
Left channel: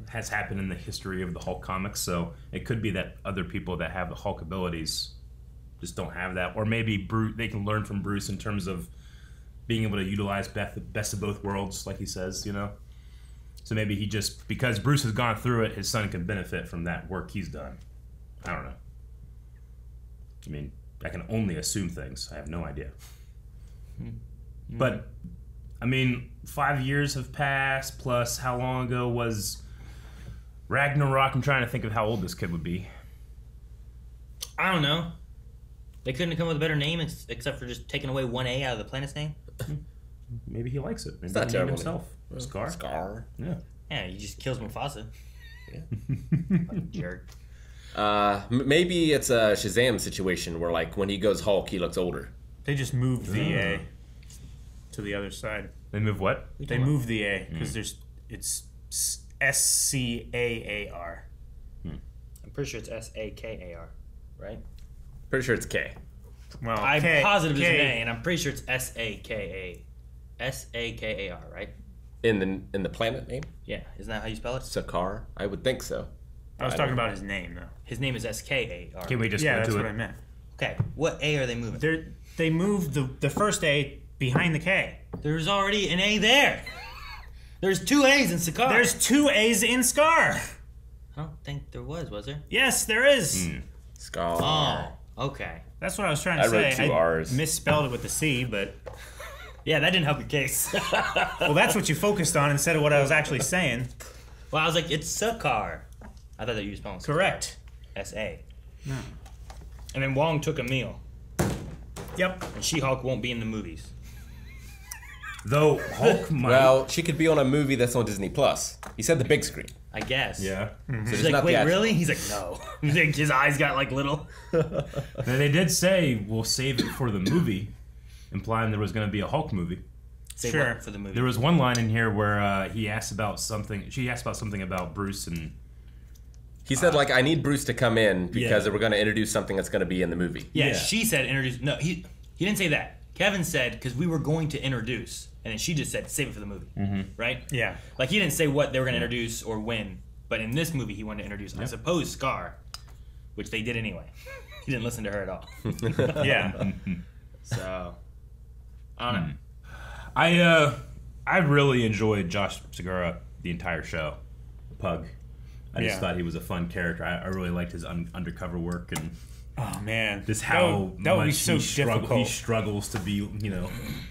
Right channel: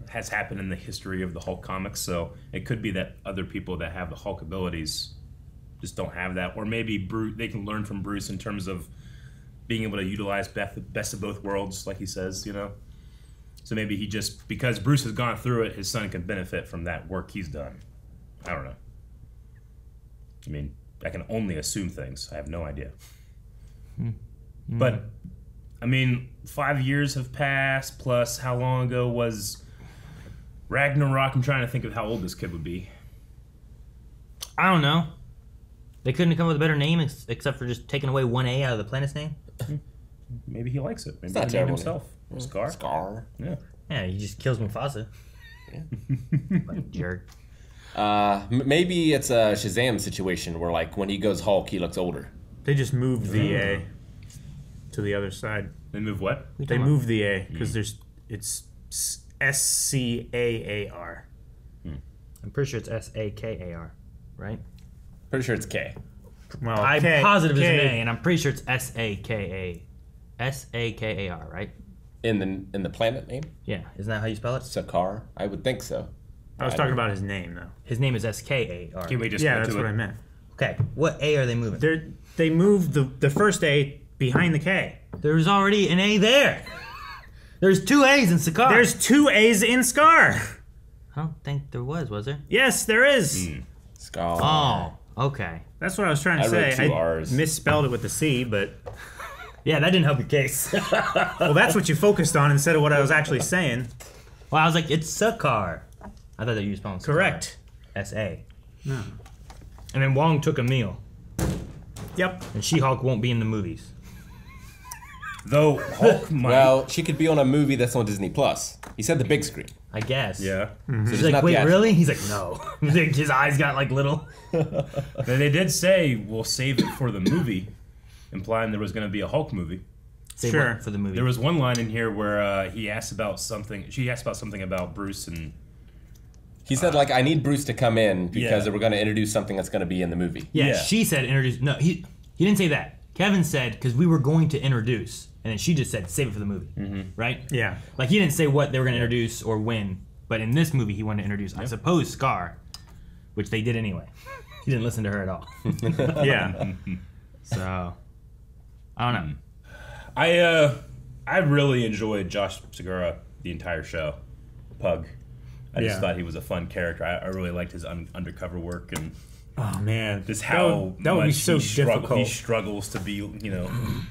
has happened in the history of the Hulk comics. So it could be that other people that have the Hulk abilities just don't have that, or maybe Bruce, they can learn from Bruce in terms of being able to utilize best of both worlds, like he says, you know. So maybe he just, because Bruce has gone through it, his son can benefit from that work he's done. I don't know. I mean, I can only assume things. I have no idea. But, I mean, 5 years have passed, plus how long ago was Ragnarok? I'm trying to think of how old this kid would be. I don't know. They couldn't have come up with a better name except for just taking away one A out of the planet's name? Maybe he likes it. Maybe not he named terrible. himself. Scar. Scar. Yeah. Yeah, he just kills Mufasa. Fucking jerk. Maybe it's a Shazam situation where, like, when he goes Hulk, he looks older. they just moved the A to the other side. They move what? They moved the A because it's SCAAR. I'm pretty sure it's SAKAR, right? Pretty sure it's K. Well, I'm K, positive it's an K. A, and I'm pretty sure it's SAKAR, right? In the planet name? Yeah, isn't that how you spell it? Sakaar? I would think so. I was talking about his name, though. His name is SKAR. Can we just Yeah, go that's to what it? I meant. Okay, what A are they moving? They moved the first A behind the K. There was already an A there. There's two A's in Sakaar. There's two A's in Scar. I don't think there was there? Yes, there is. Scar. Oh, okay. That's what I was trying to I say. wrote two R's. Misspelled it with the C, but Yeah, that didn't help your case. well, that's what you focused on instead of what I was actually saying. Well, I was like, it's Sakaar. I thought that you were spelling Sakaar. Correct. S-A. No. And then Wong took Emil. Yep. And She-Hulk won't be in the movies. Though Hulk might. Well, she could be on a movie that's on Disney Plus. He said the big screen. I guess. Yeah. So She's there's like, not wait, the really? He's like, no. His eyes got like little. They did say we'll save it for the movie, implying there was going to be a Hulk movie. Save Sure. what for the movie. There was one line in here where he asked about something. She asked about something about Bruce and. He said, like, I need Bruce to come in because Yeah. we're going to introduce something that's going to be in the movie. Yeah, she said introduce. No, he didn't say that. Kevin said because we were going to introduce, and then she just said save it for the movie, right? Yeah. Like he didn't say what they were going to introduce or when, but in this movie he wanted to introduce, I suppose, Scar, which they did anyway. He didn't listen to her at all. Yeah. So I don't know. I really enjoyed Josh Segura the entire show. Pug. I just thought he was a fun character. I really liked his undercover work and Oh man, just how that would be much so difficult. he struggles to be,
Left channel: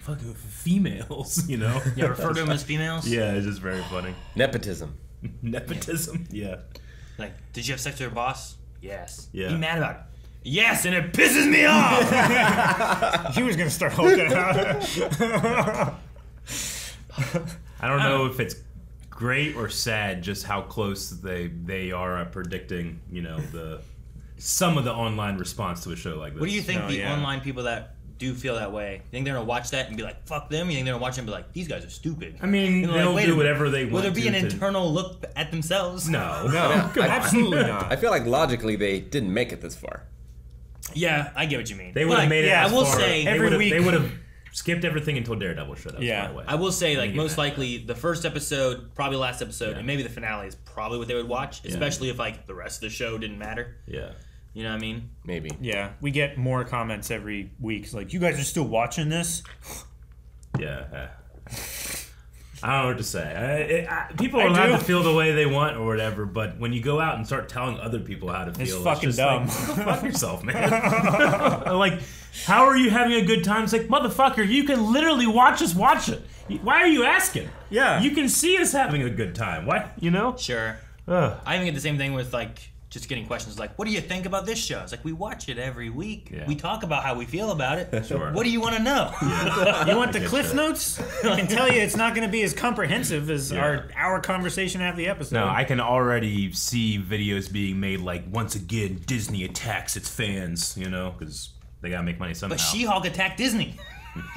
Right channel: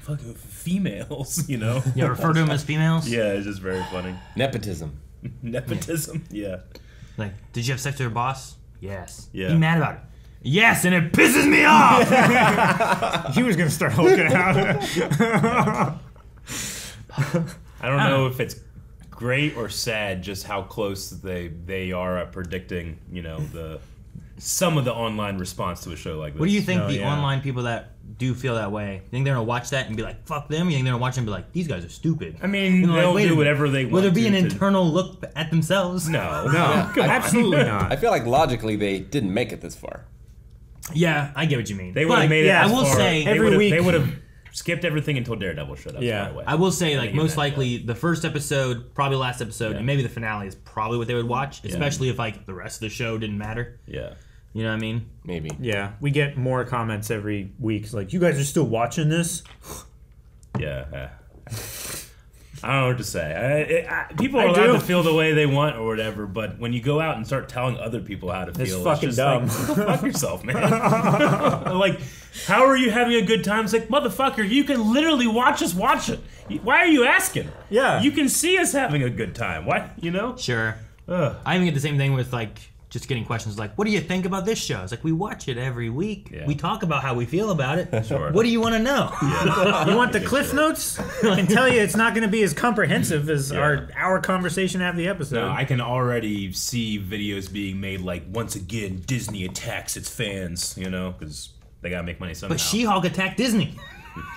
fucking females, Yeah, refer to them as females. Yeah, it's just very funny. Nepotism. Nepotism, yeah. Like, did you have sex with your boss? Yes. Yeah. Be mad about it. Yes, and it pisses me off. He was gonna start hulking out. I don't know if it's great or sad just how close they are at predicting, some of the online response to a show like this. What do you think online people that do feel that way, you think they're gonna watch that and be like, fuck them? You think they're gonna watch it and be like, these guys are stupid? I mean, they'll do whatever they want. Will there be an internal look at themselves? No, absolutely not. I feel like logically they didn't make it this far. Yeah, I get what you mean. They would have made it. I will say every week they would have skipped everything until Daredevil showed up. Yeah, I will say, like, most likely the first episode, probably last episode, and maybe the finale is probably what they would watch, especially if like the rest of the show didn't matter. Yeah. You know what I mean? Maybe. Yeah, we get more comments every week. It's like, you guys are still watching this? Yeah. I don't know what to say. People are allowed to feel the way they want or whatever, but when you go out and start telling other people how to feel, it's fucking just dumb. Like, fuck yourself, man. Like, how are you having a good time? It's like, motherfucker, you can literally watch us watch it. Why are you asking? Yeah. You can see us having a good time. Why? Sure. I even get the same thing with, like, just getting questions like, what do you think about this show? It's like, we watch it every week. Yeah. We talk about how we feel about it. Sure. What do you want to know? Yeah. You want the Cliff Notes? I can tell you it's not going to be as comprehensive as our conversation after the episode. No, I can already see videos being made like, once again, Disney attacks its fans, because they got to make money somehow. But She-Hulk attacked Disney.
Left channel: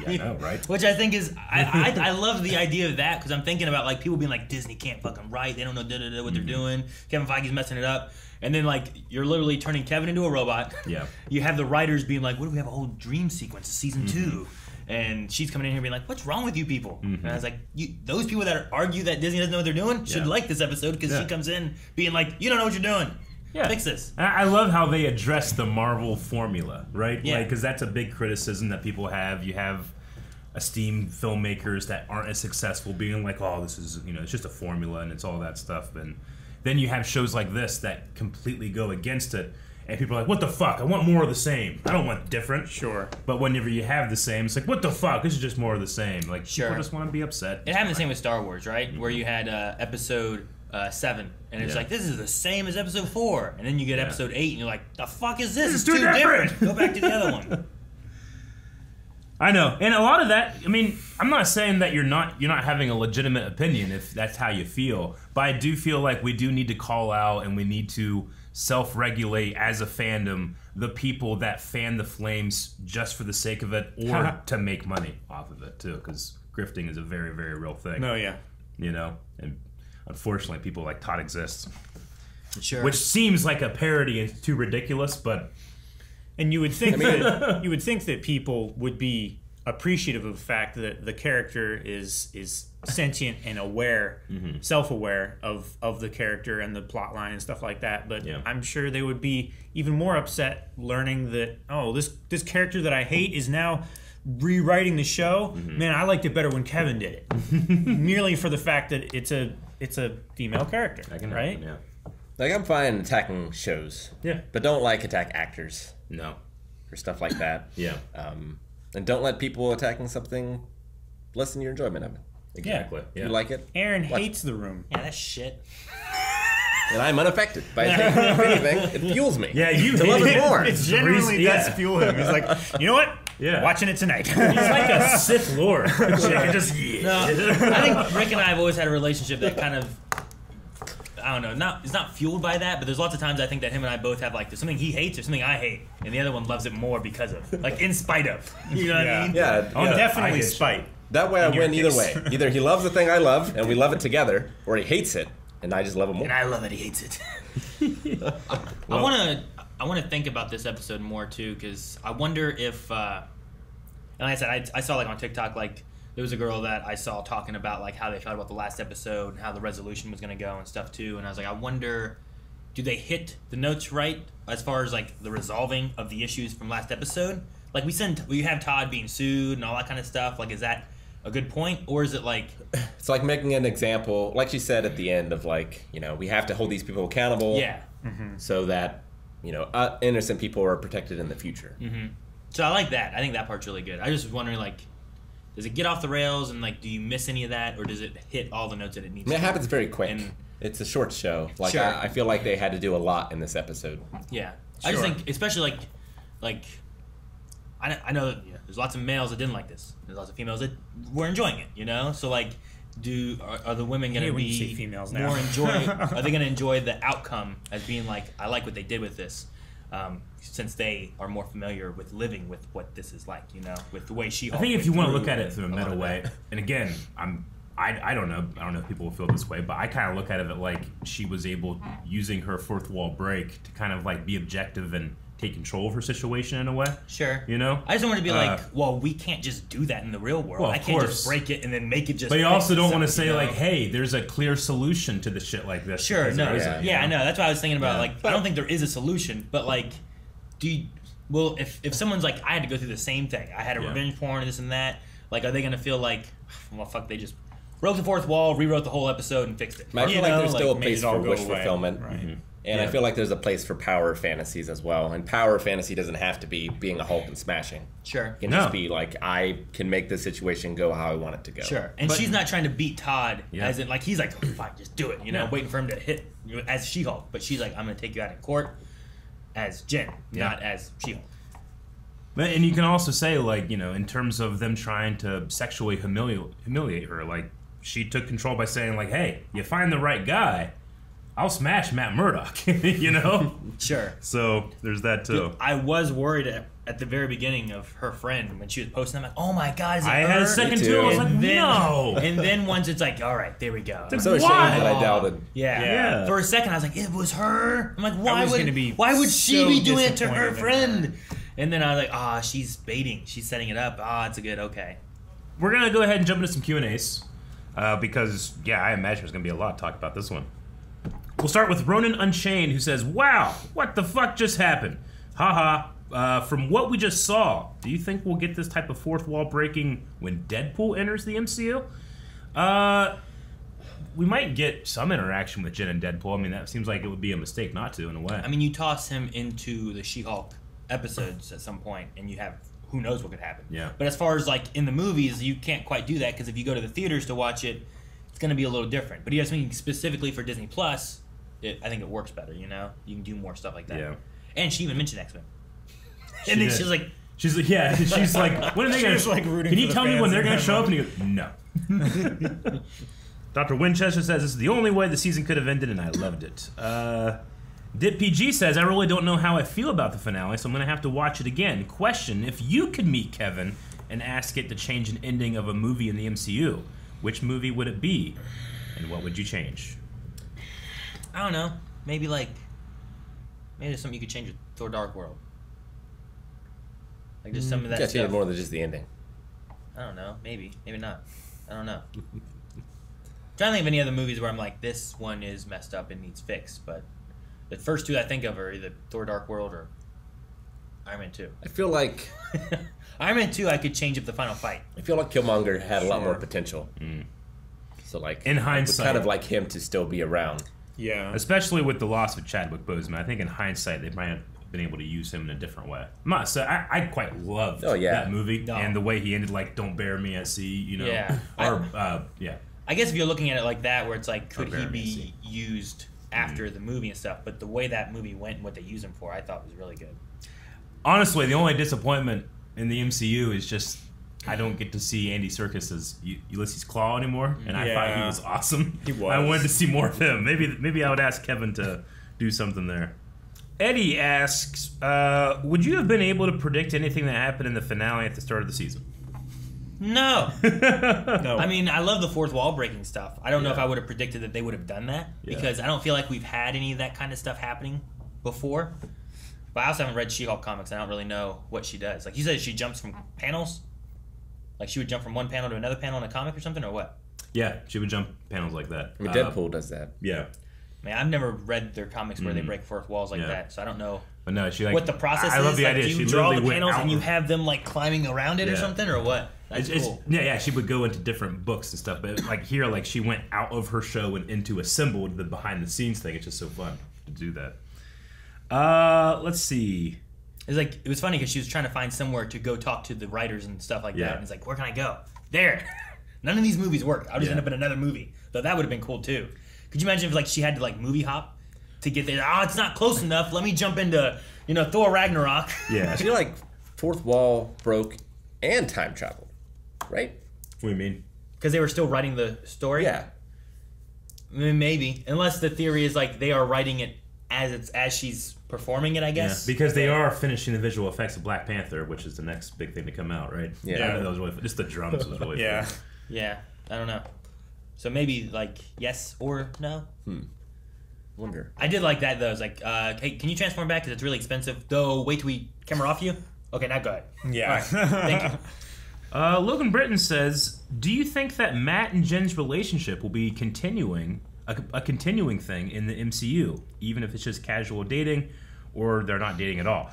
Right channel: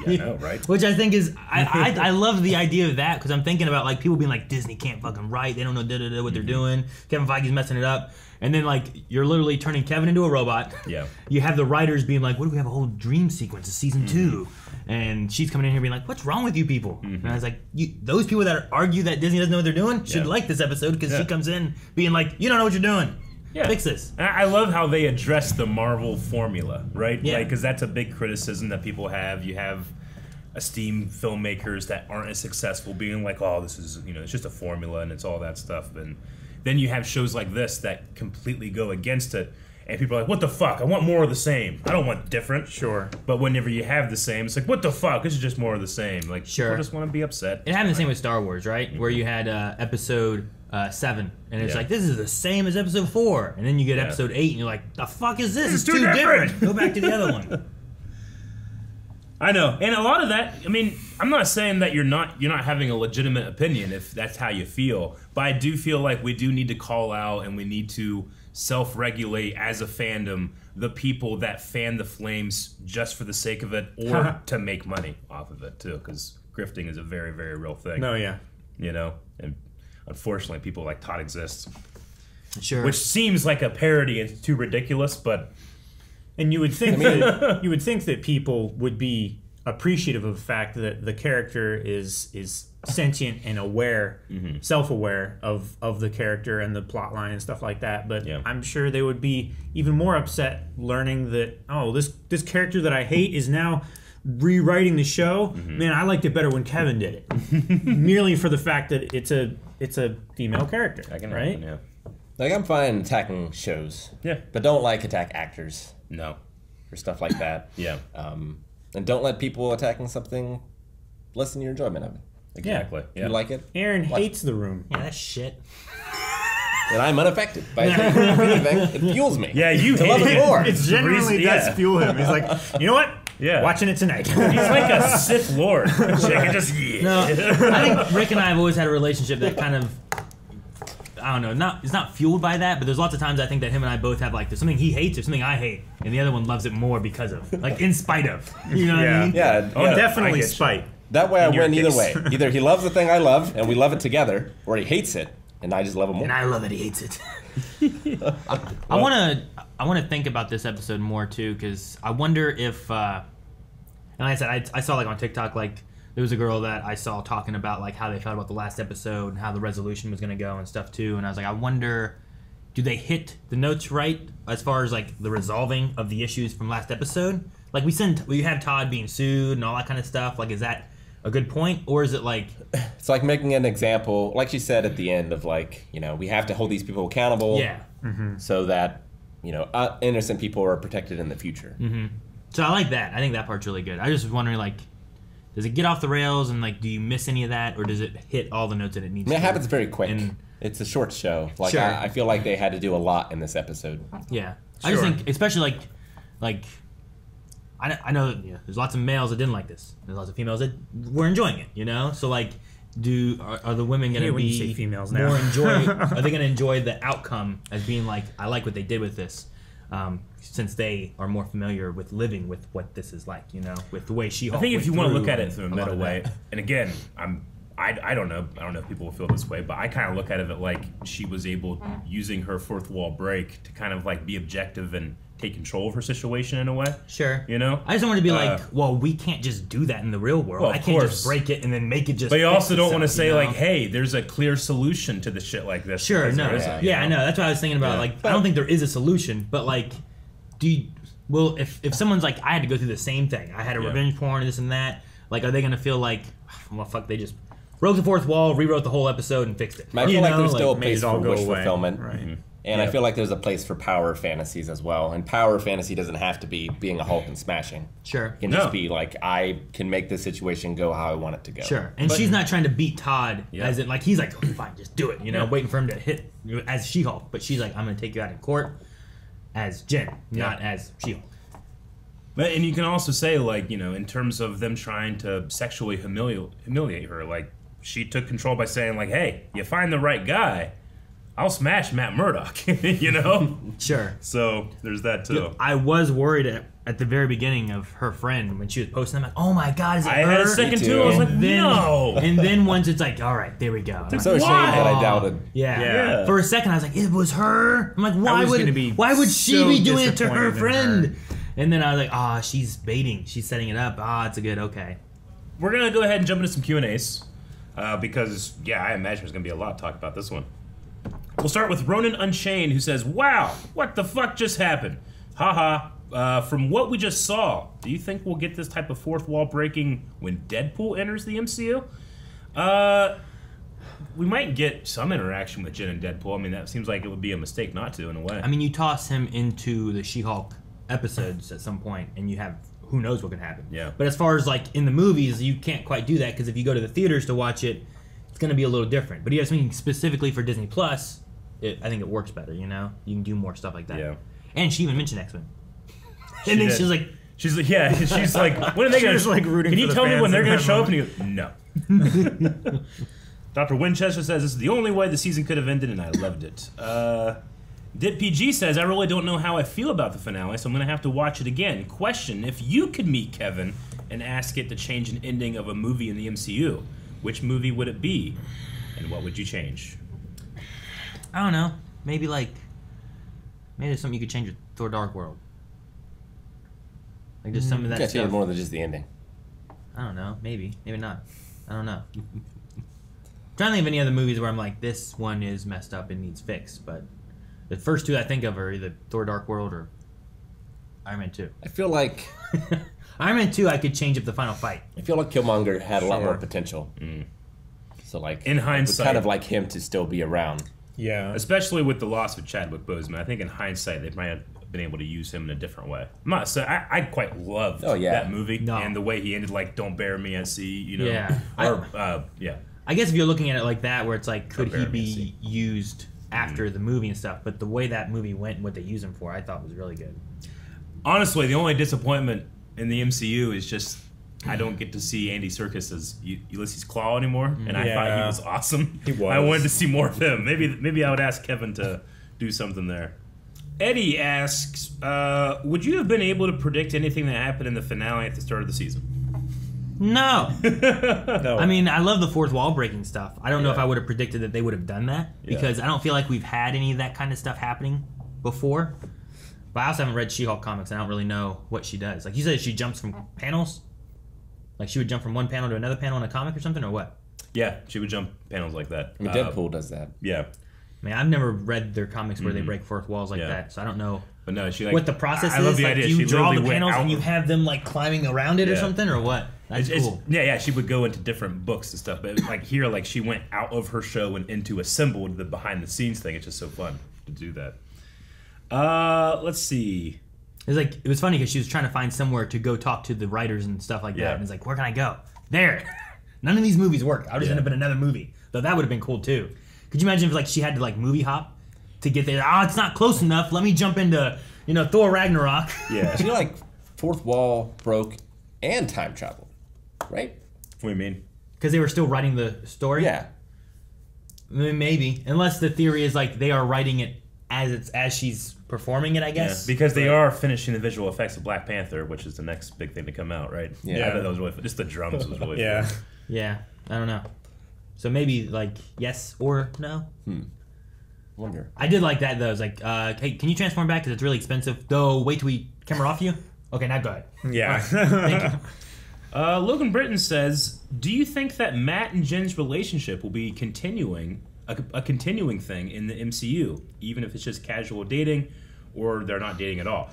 Yeah, I know, right? Which I think is, I love the idea of that, because I'm thinking about, like, people being like, Disney can't fucking write, they don't know what they're doing, Kevin Feige's messing it up, and then, like, you're literally turning Kevin into a robot. Yeah. You have the writers being like, what if we have a whole dream sequence of season 2? And she's coming in here being like, what's wrong with you people? And I was like, those people that argue that Disney doesn't know what they're doing should like this episode, because she comes in being like, you don't know what you're doing. Yeah. Fix this. I love how they address the Marvel formula, right? Yeah. Because that's a big criticism that people have. You have esteemed filmmakers that aren't as successful being like, oh, this is, it's just a formula and it's all that stuff. And then you have shows like this that completely go against it. And people are like, what the fuck? I want more of the same. I don't want different. Sure. But whenever you have the same, it's like, what the fuck? This is just more of the same. Like, Sure. people just want to be upset. It happened the same with Star Wars, right? Where you had episode 7, and it's like, this is the same as episode 4, and then you get episode 8, and you're like, the fuck is this? It's too different. Go back to the other one. I know, and a lot of that. I mean, I'm not saying that you're not having a legitimate opinion if that's how you feel, but I do feel like we do need to call out and we need to self-regulate as a fandom the people that fan the flames just for the sake of it or to make money off of it too, because grifting is a very, very real thing. No, yeah, and unfortunately, people like Todd exist. Sure. Which seems like a parody and too ridiculous, but. And you would think that people would be appreciative of the fact that the character is sentient and aware, self-aware of the character and the plot line and stuff like that. But I'm sure they would be even more upset learning that, oh, this character that I hate is now rewriting the show. Man, I liked it better when Kevin did it. Merely for the fact that it's a female character, right? Yeah. Like, I'm fine attacking shows. Yeah. But don't, attack actors. No. Or stuff like that. Yeah. And don't let people attacking something lessen your enjoyment of it. Exactly. If you like it. Aaron hates The Room. Yeah, that's shit. And I'm unaffected by anything. It fuels me. Yeah, you hate it more. It genuinely does fuel him. He's like, you know what? Yeah. Watching it tonight. He's like a Sith Lord. No, I think Rick and I have always had a relationship that kind of, I don't know, it's not fueled by that, but there's lots of times I think that him and I both have, there's something he hates or something I hate, and the other one loves it more because of, in spite of. You know what I mean? Yeah. Definitely spite. That way I win either way. Either he loves the thing I love, and we love it together, or he hates it, and I just love it more. And I love that he hates it. I want to think about this episode more, too, because I wonder if, and like I said, I saw, on TikTok, there was a girl that I saw talking about how they felt about the last episode and how the resolution was going to go and stuff too. And I was like, I wonder, do they hit the notes right as far as the resolving of the issues from last episode? We had Todd being sued and all that kind of stuff. Is that a good point, or is it It's like making an example, like she said at the end of we have to hold these people accountable. Yeah. So that innocent people are protected in the future. So I like that. I think that part's really good. I just was wondering does it get off the rails and do you miss any of that, or does it hit all the notes that it needs? It happens very quick. It's a short show. Sure. I feel like they had to do a lot in this episode. Yeah, sure. I just think, especially I know that, there's lots of males that didn't like this. There's lots of females that were enjoying it. So are the women going to when you be say females now. more are they going to enjoy the outcome as being like, I like what they did with this, since they are more familiar with living with what this is like, you know, with the way She-Hulk. I think if you want to look at it through a a lot meta of way, that. and again, I don't know if people will feel this way, but I kind of look at it like she was able, using her fourth wall break, to kind of like be objective and take control of her situation in a way. Sure. You know? I just don't want to be like, well, we can't just do that in the real world. Well, I of can't course. just break it and then make it just. But you fix also don't want to itself, say you know? like, hey, there's a clear solution to the shit like this. Sure, because no, there isn't, you I know? know. That's what I was thinking about. Like, I don't think there is a solution, but like, if someone's like, I had to go through the same thing, I had a revenge porn and this and that, like, are they gonna feel like, well, fuck, they just broke the fourth wall, rewrote the whole episode, and fixed it? I feel like there's still a made place it all for go wish away. fulfillment. Right. Mm-hmm. And I feel like there's a place for power fantasies as well. And power fantasy doesn't have to be being a Hulk and smashing. Sure. It can just be like, I can make this situation go how I want it to go. Sure. And she's not trying to beat Todd, as in, like, he's like, oh, fine, just do it, you know, waiting for him to hit as She-Hulk. But she's like, I'm going to take you out in court as Jen, not as She-Hulk. But, and you can also say, like, you know, in terms of them trying to sexually humiliate her, like, she took control by saying, like, hey, you find the right guy, I'll smash Matt Murdock, you know? Sure. So, there's that, too. I was worried at the very beginning of her friend when she was posting. I'm like, oh my god, is it I her? had a second, too. I was like, no! And then once it's like, all right, there we go. I'm so ashamed that I doubted. Yeah. For a second, I was like, it was her. I'm like, why would she so be doing it to disappointed her in friend? her. And then I was like, she's baiting. She's setting it up. It's a good, okay. We're going to go ahead and jump into some Q&As. Because, I imagine there's going to be a lot to talk about this one. We'll start with Ronan Unchained, who says, wow, what the fuck just happened? Haha. From what we just saw, do you think we'll get this type of fourth wall breaking when Deadpool enters the MCU? We might get some interaction with Jen and Deadpool. I mean, that seems like it would be a mistake not to, in a way. I mean, you toss him into the She-Hulk episodes at some point, and you have who knows what could happen. Yeah. But as far as, like, in the movies, you can't quite do that, because if you go to the theaters to watch it, it's going to be a little different. But you have something specifically for Disney Plus, I think it works better, you know? You can do more stuff like that. Yeah. And she even mentioned X-Men. And then she's like, she's like, when are they going to, like, rooting can you for the tell me fans when they're in going to that show up? And he goes, no. Dr. Winchester says, this is the only way the season could have ended, and I loved it. Did PG says, I really don't know how I feel about the finale, so I'm going to have to watch it again. Question, if you could meet Kevin and ask it to change an ending of a movie in the MCU, which movie would it be, and what would you change? I don't know. Maybe there's something you could change with Thor Dark World. Like just some of that Change stuff. more than just the ending. I don't know. Maybe not. I don't know. I'm trying to think of any other movies where I'm like, this one is messed up and needs fixed, but the first two I think of are either Thor Dark World or Iron Man 2. I feel like Iron Man 2 I could change up the final fight. I feel like Killmonger had a lot more potential. So like in hindsight, would kind of like him to still be around. Yeah. Especially with the loss of Chadwick Boseman. I think in hindsight they might have been able to use him in a different way. I'm not saying I quite loved that movie and the way he ended, like "Don't bury me at sea," you know. Yeah. Yeah. I guess if you're looking at it like that, where it's like, could he be used after the movie and stuff? But the way that movie went and what they used him for, I thought was really good. Honestly, the only disappointment in the MCU is just I don't get to see Andy Serkis as Ulysses Claw anymore, and I thought he was awesome. He was. I wanted to see more of him. Maybe I would ask Kevin to do something there. Eddie asks, would you have been able to predict anything that happened in the finale at the start of the season? No. No. I mean, I love the fourth wall breaking stuff. I don't know if I would have predicted that they would have done that, because I don't feel like we've had any of that kind of stuff happening before. But I also haven't read She-Hulk comics. I don't really know what she does. Like you said, she jumps from panels? Like she would jump from one panel to another panel in a comic or something, or what? Yeah, she would jump panels like that. I mean, Deadpool does that. Yeah. I mean, I've never read their comics where they break fourth walls like that, so I don't know. But no, she like what the process I is. love the like, idea. do you She draw the literally went panels out. and you have them like climbing around it or something, or what? That's cool. Yeah. She would go into different books and stuff, but like here, like she went out of her show and into assembled the behind the scenes thing. It's just so fun to do that. Let's see. It was funny because she was trying to find somewhere to go talk to the writers and stuff like that, and it's like, where can I go? There. None of these movies work. I'll just end up in another movie. Though that would have been cool too. Could you imagine if like she had to like movie hop to get there? It's not close enough. Let me jump into Thor Ragnarok. Yeah. I feel like fourth wall broke and time travel, right? What do you mean? because they were still writing the story. Yeah. Maybe, unless the theory is like they are writing it as she's performing it, I guess. Yeah, because they are finishing the visual effects of Black Panther, which is the next big thing to come out, right? Yeah. I thought that was really just the drums was really fun. Yeah, I don't know. So maybe like yes or no. Wonder. I did like that though. It's like, hey, can you transform back? Because it's really expensive. Though, wait till we camera off you. Okay, now go ahead. Yeah. All right, thank you. Logan Britton says, "Do you think that Matt and Jen's relationship will be continuing a continuing thing in the MCU, even if it's just casual dating, or they're not dating at all?"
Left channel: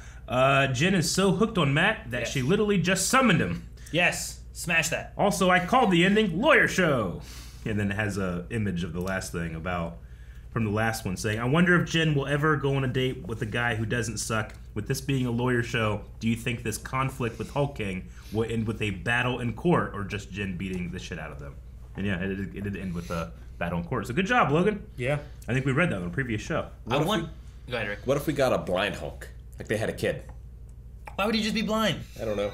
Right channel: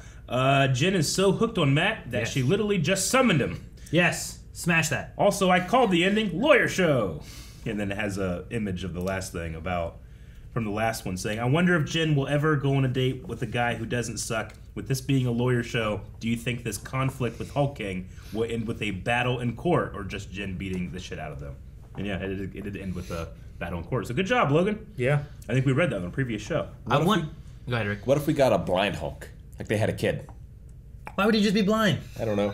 Jen is so hooked on Matt that she literally just summoned him. Yes, smash that. Also, I called the ending lawyer show, and then it has a image of the last thing from the last one saying, "I wonder if Jen will ever go on a date with a guy who doesn't suck. With this being a lawyer show, do you think this conflict with Hulk King will end with a battle in court, or just Jen beating the shit out of them?" And yeah, it did end with a battle in court. So good job, Logan. Yeah. I think we read that on a previous show. Go ahead, Rick. What if we got a blind Hulk? Like they had a kid. Why would he just be blind? I don't know.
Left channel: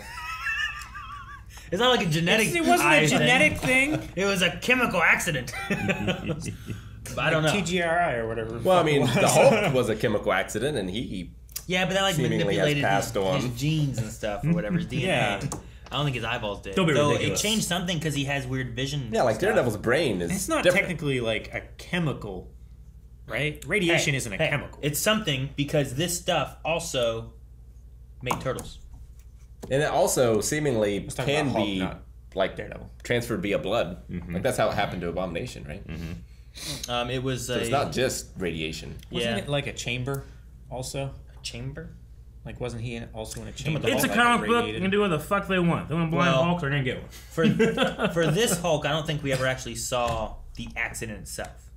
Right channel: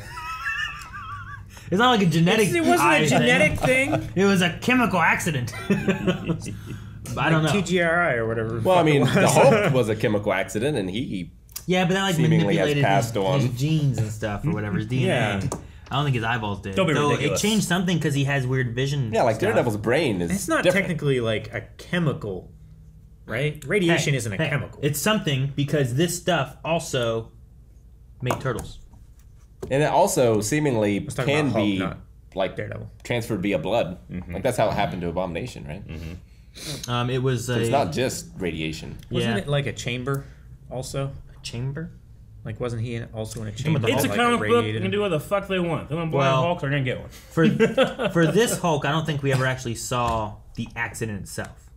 It's not like a genetic. It wasn't a genetic thing. It was a chemical accident. I don't know. TGRI or whatever. Well, I mean, the Hulk was a chemical accident, and he but that like seemingly has manipulated passed on. his genes and stuff or whatever, his DNA. Yeah. I don't think his eyeballs did. Don't be Though ridiculous. it changed something because he has weird vision. Yeah, like stuff. Daredevil's brain is. It's not different. technically like a chemical, right? Radiation isn't a chemical. It's something because this stuff also made turtles. And it also seemingly talking can about Hulk, be not like Daredevil. transferred via blood. Like that's how it happened to Abomination, right? It was. So it's not just radiation. Wasn't it like a chamber also? A chamber? Like, wasn't he also in a chamber? It's a that, comic like, book. radiated They can do what the fuck they want. They want blind Hulk, they're gonna get one. For this Hulk, I don't think we ever actually saw the accident itself.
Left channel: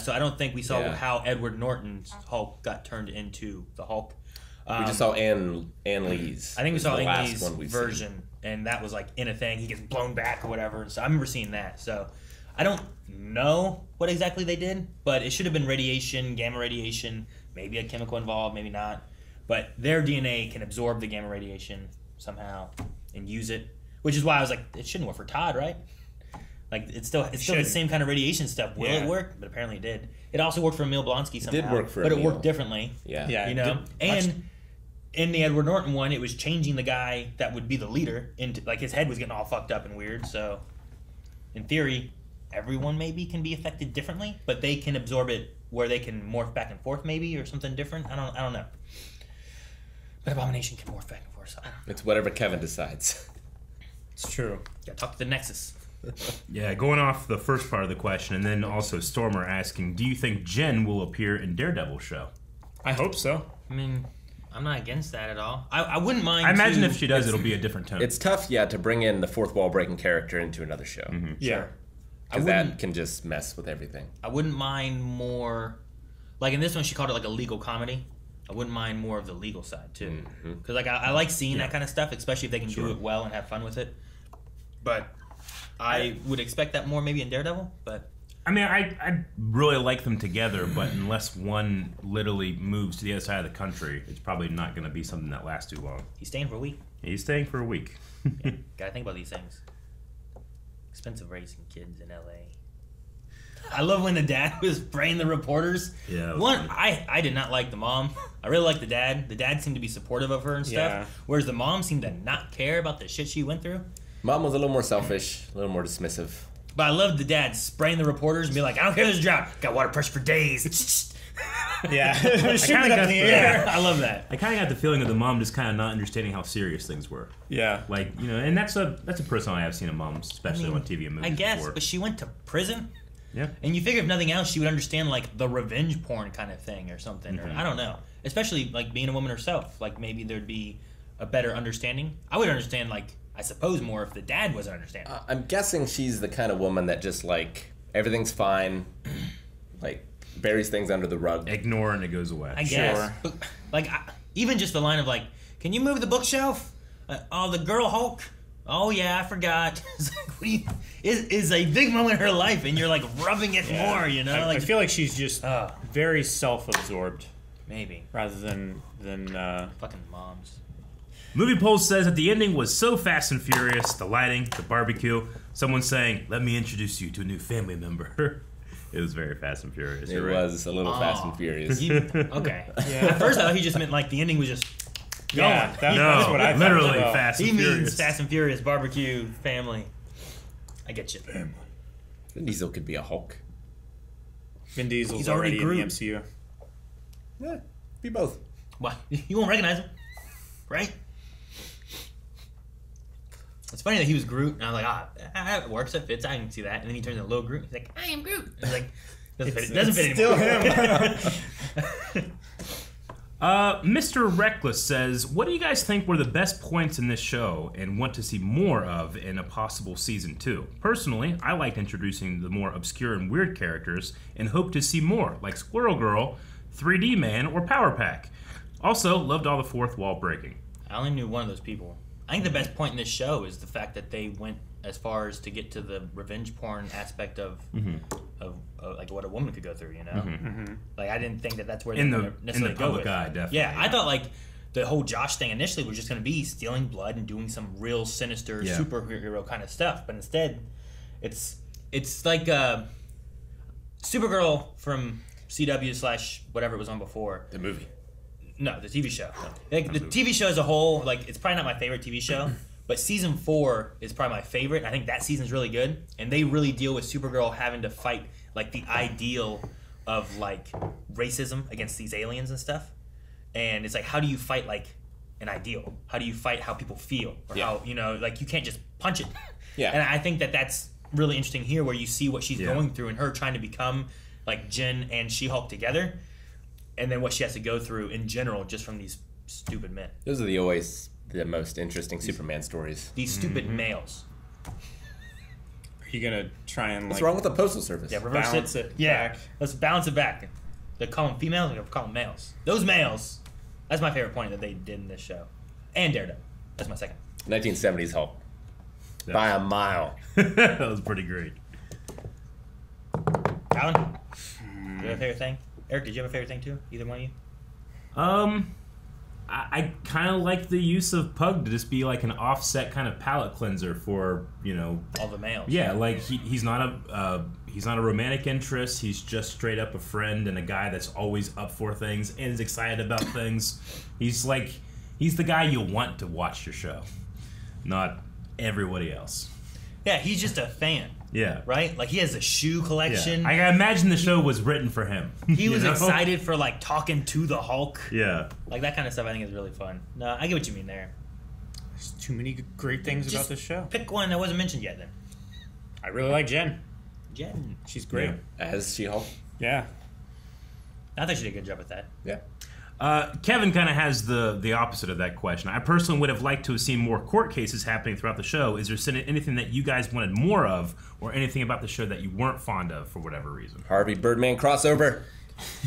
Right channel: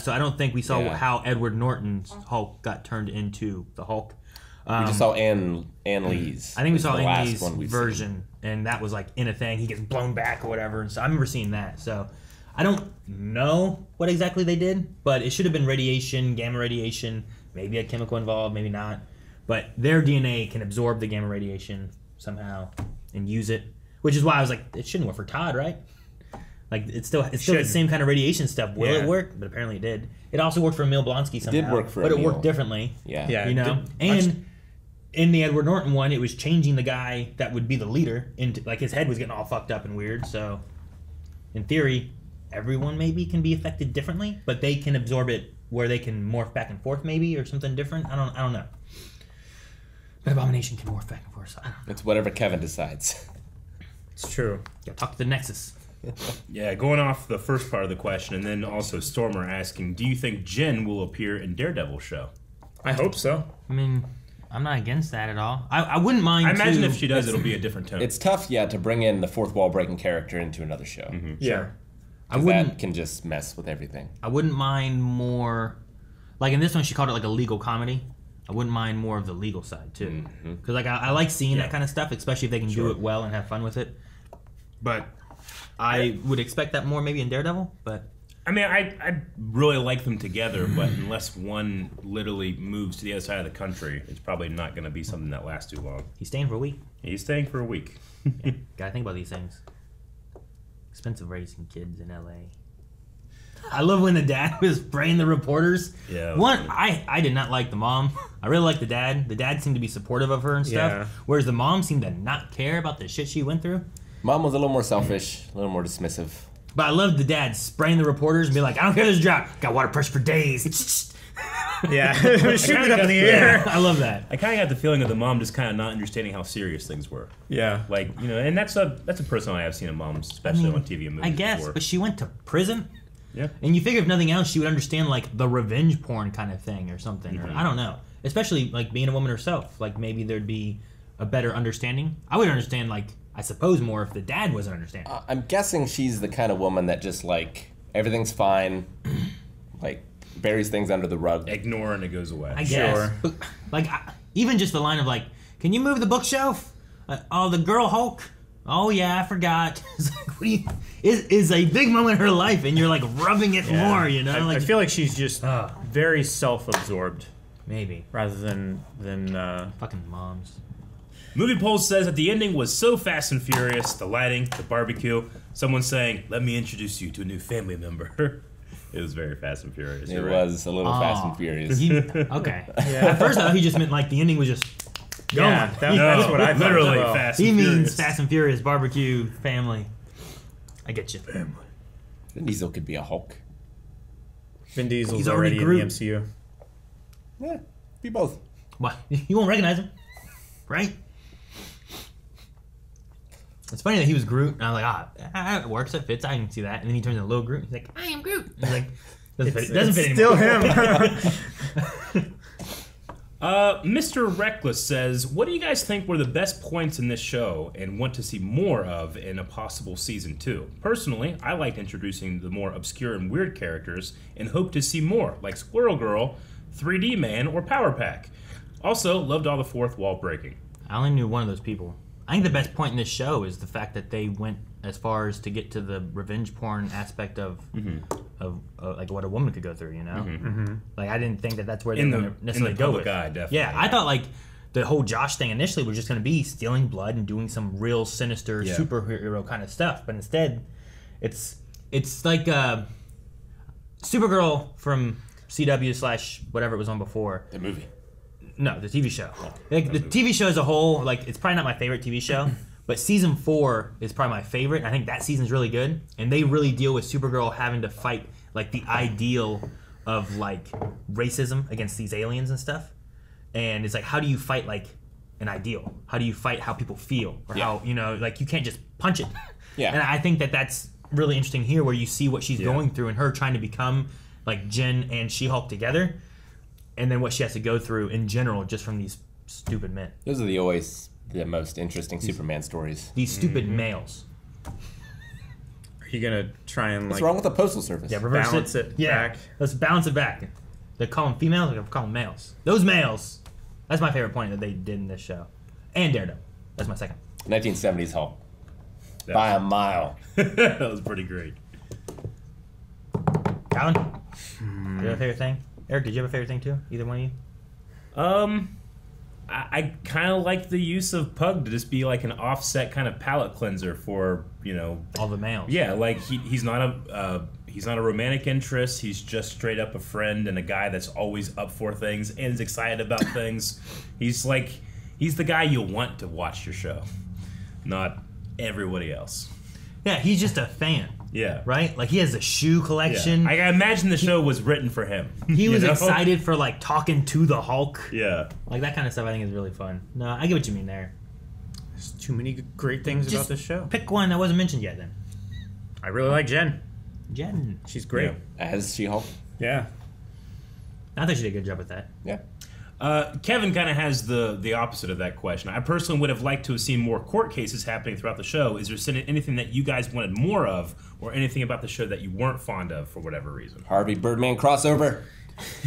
So I don't think we saw how Edward Norton's Hulk got turned into the Hulk. We just saw Ann Lee's. I think we saw the Ann last Lee's one we've version, and that was like in a thing. He gets blown back or whatever, and so I remember seeing that. So I don't know what exactly they did, but it should have been radiation, gamma radiation, maybe a chemical involved, maybe not. But their DNA can absorb the gamma radiation somehow and use it, which is why I was like, it shouldn't work for Todd, right? Like it's still the same kind of radiation stuff. Will it work? But apparently it did. It also worked for Emil Blonsky somehow. It did work for but Emil. it worked differently. Yeah. You know, and in the Edward Norton one, it was changing the guy that would be the leader into like his head was getting all fucked up and weird. So, in theory, everyone maybe can be affected differently, but they can absorb it where they can morph back and forth, maybe or something different. I don't know. But Abomination can morph back and forth. So I don't know. It's whatever Kevin decides. It's true. Gotta talk to the Nexus. Yeah, going off the first part of the question, and then also Stormer asking, do you think Jen will appear in Daredevil show? I hope so. I mean, I'm not against that at all. I wouldn't mind. I imagine if she does, it'll be a different tone. It's tough, to bring in the fourth wall breaking character into another show. Sure. I wouldn't. That can just mess with everything. I wouldn't mind more. Like in this one, she called it like a legal comedy. I wouldn't mind more of the legal side too, because like I like seeing that kind of stuff, especially if they can do it well and have fun with it. But I would expect that more maybe in Daredevil. But I mean, I really like them together, but unless one literally moves to the other side of the country, it's probably not going to be something that lasts too long. He's staying for a week. He's staying for a week. Yeah, gotta think about these things. Expensive raising kids in LA. I love when the dad was spraying the reporters. Yeah. I did not like the mom. I really like the dad. The dad seemed to be supportive of her and stuff. Yeah. Whereas the mom seemed to not care about the shit she went through. Mom was a little more selfish, a little more dismissive. But I loved the dad spraying the reporters and be like, I don't care if there's a drought. Got water pressure for days. Yeah. Shoot it up in the air. I love that. I kind of got the feeling of the mom just kind of not understanding how serious things were. Yeah. Like, and that's a personality I've seen in moms, especially on TV and movies I guess, before. but she went to prison. Yeah. And you figure if nothing else, she would understand like the revenge porn kind of thing or something. Or I don't know. Especially like being a woman herself. Like maybe there'd be a better understanding. I would understand like, I suppose more if the dad wasn't understanding. I'm guessing she's the kind of woman that just like, everything's fine. Like, buries things under the rug. Ignore and it goes away. I guess. But, like, even just the line of like, can you move the bookshelf? Oh, the girl Hulk? Oh yeah, I forgot. It's like, what do you, is a big moment in her life, and you're like rubbing it more, you know? I feel like she's just very self-absorbed. Maybe. Rather than fucking moms. Movie Pulse says that the ending was so fast and furious, the lighting, the barbecue, someone saying, "Let me introduce you to a new family member." It was very Fast and Furious. It was a little Fast and Furious. Okay. Yeah. At first, I thought he just meant like the ending was just going. Yeah, that's what I thought. Literally Well. Fast He and means Furious. Fast and Furious, barbecue, family. I get you. Vin Diesel could be a Hulk. Vin Diesel's He's already already in the Groot. MCU. Yeah, be both. Why? You won't recognize him, right? It's funny that he was Groot, and I was like, it works, it fits, I can see that. And then he turns into little Groot. He's like, I am Groot. And he's like, doesn't fit still anymore. him. Mr. Reckless says, "What do you guys think were the best points in this show and want to see more of in a possible season 2? Personally, I liked introducing the more obscure and weird characters and hope to see more, like Squirrel Girl, 3D Man, or Power Pack. Also, loved all the fourth wall breaking." I only knew one of those people. I think the best point in this show is the fact that they went as far as to get to the revenge porn aspect of like what a woman could go through, you know? Like, I didn't think that that's where they would necessarily go with. Eye, definitely. Yeah, I thought like the whole Josh thing initially was just going to be stealing blood and doing some real sinister superhero kind of stuff, but instead it's like Supergirl from CW / whatever it was on before. The movie. No, the TV show. Like, the TV show as a whole, like, it's probably not my favorite TV show, but season 4 is probably my favorite. I think that season's really good, and they really deal with Supergirl having to fight like the ideal of like racism against these aliens and stuff. And it's like, how do you fight like an ideal? How do you fight how people feel, or how, you know, like, you can't just punch it. Yeah. And I think that that's really interesting here, where you see what she's going through and her trying to become like Jen and She-Hulk together. And then what she has to go through in general just from these stupid men. Those are always the most interesting Superman stories. These stupid males. Are you gonna try and What's like wrong with the Postal Service? Yeah, reverse balance it yeah, back? let's balance it back. They call them females, they call them males. Those males. That's my favorite point that they did in this show. And Daredevil. That's my second. 1970s Hulk. By a mile. That was pretty great. Alan? Do you have a favorite thing? Eric, did you have a favorite thing too? Either one of you? I kind of like the use of Pug to just be like an offset kind of palate cleanser for, you know, all the males. Yeah, like he's not a romantic interest. He's just straight up a friend and a guy that's always up for things and is excited about things. He's the guy you want to watch your show, not everybody else. Yeah, he's just a fan. Yeah. Right? Like, he has a shoe collection. Yeah. I imagine the show was written for him. He was excited for, like, talking to the Hulk. Yeah. Like, that kind of stuff I think is really fun. No, I get what you mean there. There's too many great things about this show. Pick one that wasn't mentioned yet, then. I really like Jen. Jen. She's great. As She-Hulk. Yeah. I think she did a good job with that. Yeah. Kevin kind of has the opposite of that question. I personally would have liked to have seen more court cases happening throughout the show. Is there anything that you guys wanted more of, or anything about the show that you weren't fond of for whatever reason? Harvey Birdman crossover.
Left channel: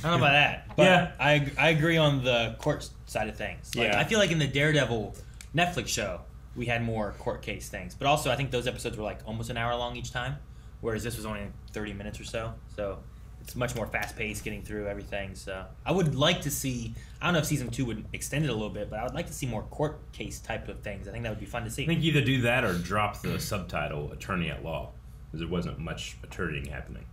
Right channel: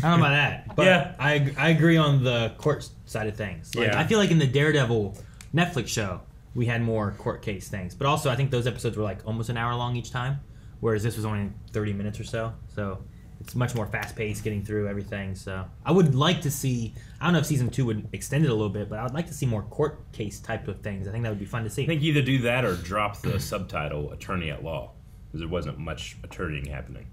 I don't know about that, but Yeah. I agree on the court side of things. Like, Yeah. I feel like in the Daredevil Netflix show, we had more court case things. But also, I think those episodes were like almost an hour long each time, whereas this was only 30 minutes or so. So it's much more fast-paced getting through everything. So I would like to see, I don't know if season 2 would extend it a little bit, but I would like to see more court case type of things. I think that would be fun to see. I think either do that or drop the subtitle attorney at law, because there wasn't much attorneying happening.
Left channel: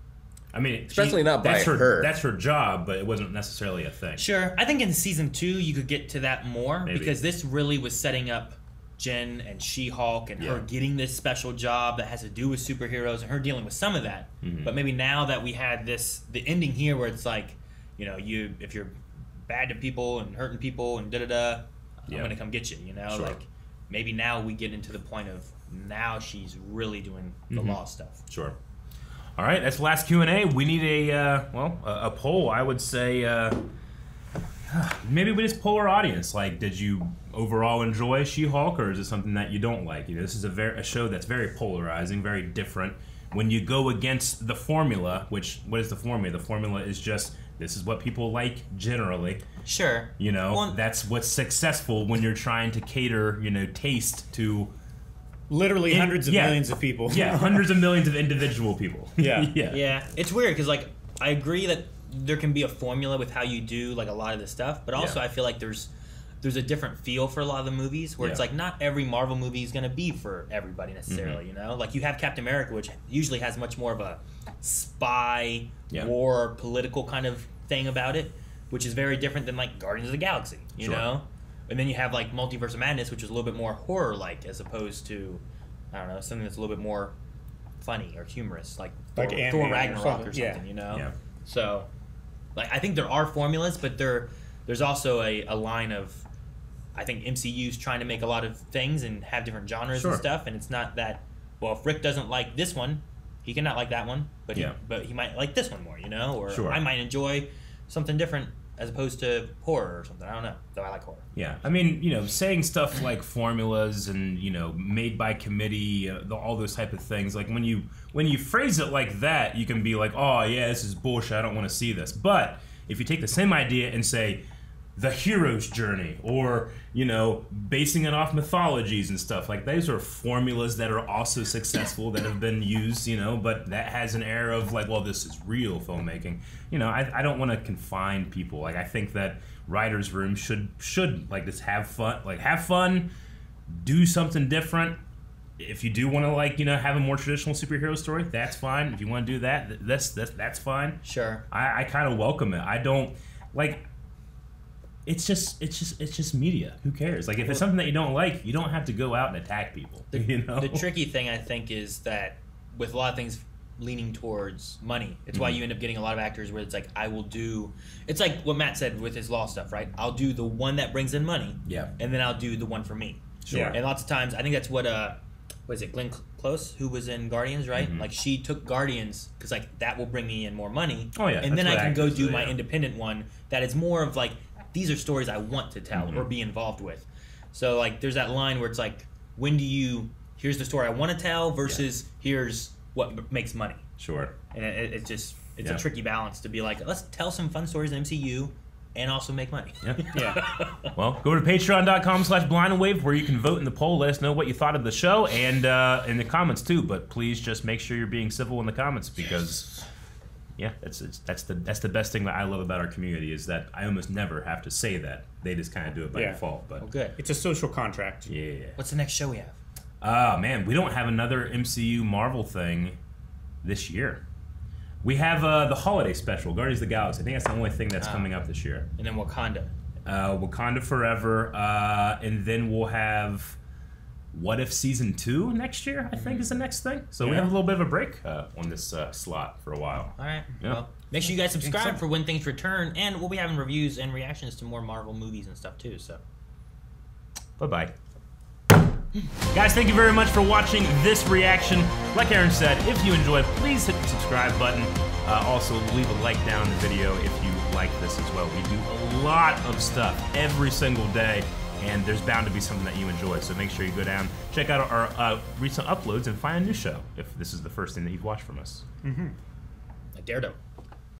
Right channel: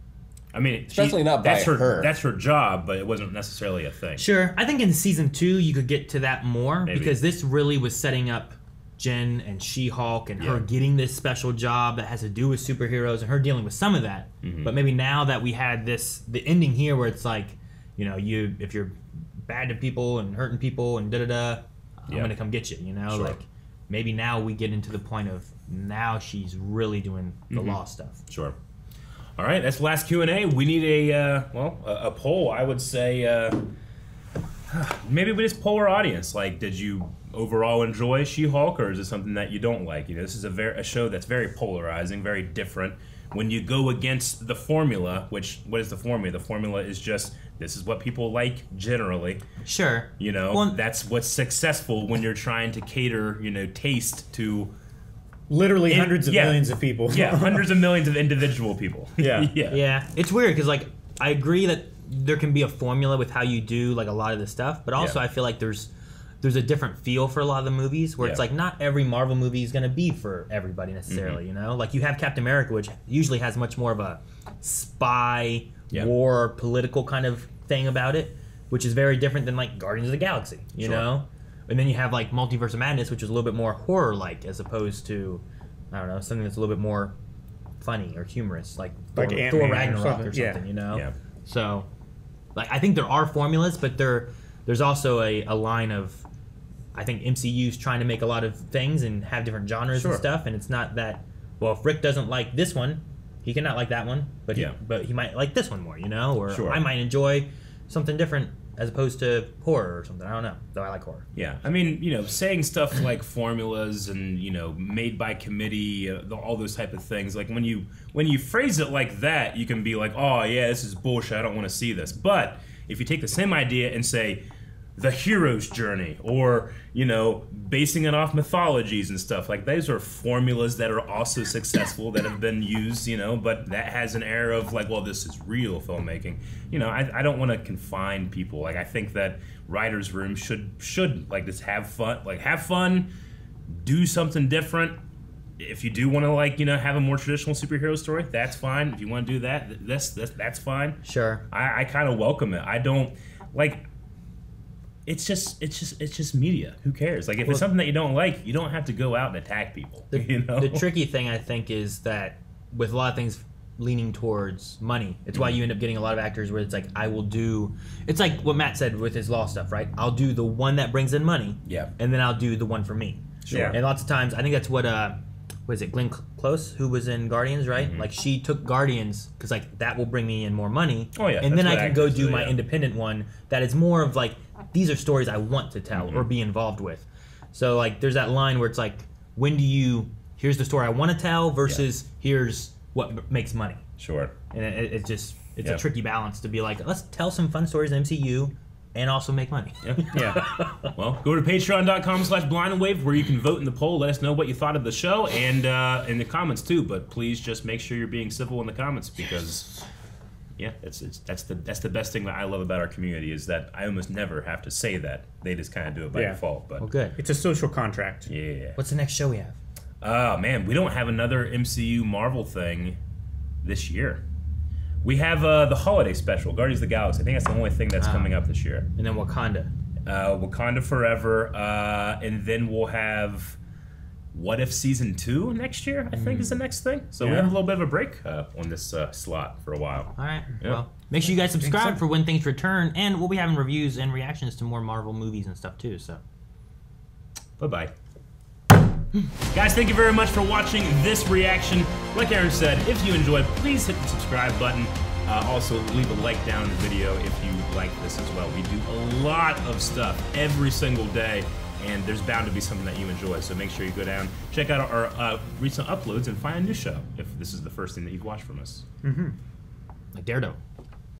I mean, Especially not by her. That's her job, but it wasn't necessarily a thing. Sure. I think in season 2 you could get to that more, Maybe. because this really was setting up Jen and She-Hulk and her getting this special job that has to do with superheroes and her dealing with some of that. Mhm. But maybe now that we had the ending here where it's like, you know, if you're bad to people and hurting people and da-da-da, I'm going to come get you, you know? Sure. Like, maybe now we get into the point of now she's really doing the law stuff. Sure. All right, that's the last Q&A. We need a poll. I would say maybe we just poll our audience. Like, did you overall enjoy She-Hulk, or is it something that you don't like? You know, this is a show that's very polarizing, very different. When you go against the formula, what is the formula? The formula is just, this is what people like generally. Sure. You know, that's what's successful when you're trying to cater, you know, taste to literally hundreds of millions of people. Yeah, hundreds of millions of individual people. Yeah. Yeah. It's weird because, like, I agree that there can be a formula with how you do, like, a lot of this stuff, but also I feel like there's there's a different feel for a lot of the movies where it's like not every Marvel movie is going to be for everybody necessarily, you know? Like you have Captain America, which usually has much more of a spy, war, political kind of thing about it, which is very different than like Guardians of the Galaxy, you know? And then you have like Multiverse of Madness, which is a little bit more horror-like as opposed to, I don't know, something that's a little bit more funny or humorous, like Thor Ragnarok or something, you know? Yeah. So, like, I think there are formulas, but there's also a line of, I think MCU's trying to make a lot of things and have different genres and stuff, and it's not that, well, if Rick doesn't like this one, he cannot like that one, but he might like this one more, you know? Or I might enjoy something different as opposed to horror or something. I don't know, though I like horror. Yeah, I mean, you know, saying stuff like formulas and, you know, made by committee, all those type of things, like when you phrase it like that, you can be like, oh, yeah, this is bullshit, I don't want to see this. But if you take the same idea and say, the hero's journey, or, you know, basing it off mythologies and stuff, like those are formulas that are also successful that have been used, you know, but that has an air of like, well, this is real filmmaking. You know, I don't want to confine people. Like, I think that writers' room should like just have fun, do something different. If you do want to, like, you know, have a more traditional superhero story, that's fine. If you want to do that, that's fine. Sure. I kind of welcome it. I don't like. It's just media. Who cares? Like, if it's something that you don't like, you don't have to go out and attack people. You know? The tricky thing, I think, is that with a lot of things leaning towards money, it's why you end up getting a lot of actors where it's like, I will do... It's like what Matt said with his law stuff, right? I'll do the one that brings in money, and then I'll do the one for me. Sure. And lots of times, I think that's what is it, Glenn Close, who was in Guardians, right? Like, she took Guardians because, like, that will bring me in more money. Oh, yeah. And then I can go do my independent one that is more of, like, these are stories I want to tell or be involved with. So, like, there's that line where it's like, when do you, here's the story I want to tell versus here's what makes money. Sure. And it's a tricky balance to be like, let's tell some fun stories in MCU and also make money. Well, go to patreon.com/blindandwave where you can vote in the poll. Let us know what you thought of the show and in the comments too. But please just make sure you're being civil in the comments because... Yeah, that's the best thing that I love about our community is that I almost never have to say that. They just kind of do it by default. But good. It's a social contract. Yeah. What's the next show we have? Man, we don't have another MCU Marvel thing this year. We have the holiday special, Guardians of the Galaxy. I think that's the only thing that's coming up this year. And then Wakanda. Wakanda Forever. And then we'll have... What If Season 2 next year, I think, is the next thing. So we have a little bit of a break on this slot for a while. All right. Yep. Well, make sure you guys subscribe for when things return, and we'll be having reviews and reactions to more Marvel movies and stuff, too. So, bye-bye. Guys, thank you very much for watching this reaction. Like Aaron said, if you enjoyed, please hit the subscribe button. Also, leave a like down in the video if you like this as well. We do a lot of stuff every single day. And there's bound to be something that you enjoy, so make sure you go down, check out our recent uploads, and find a new show if this is the first thing that you've watched from us. Like Daredevil.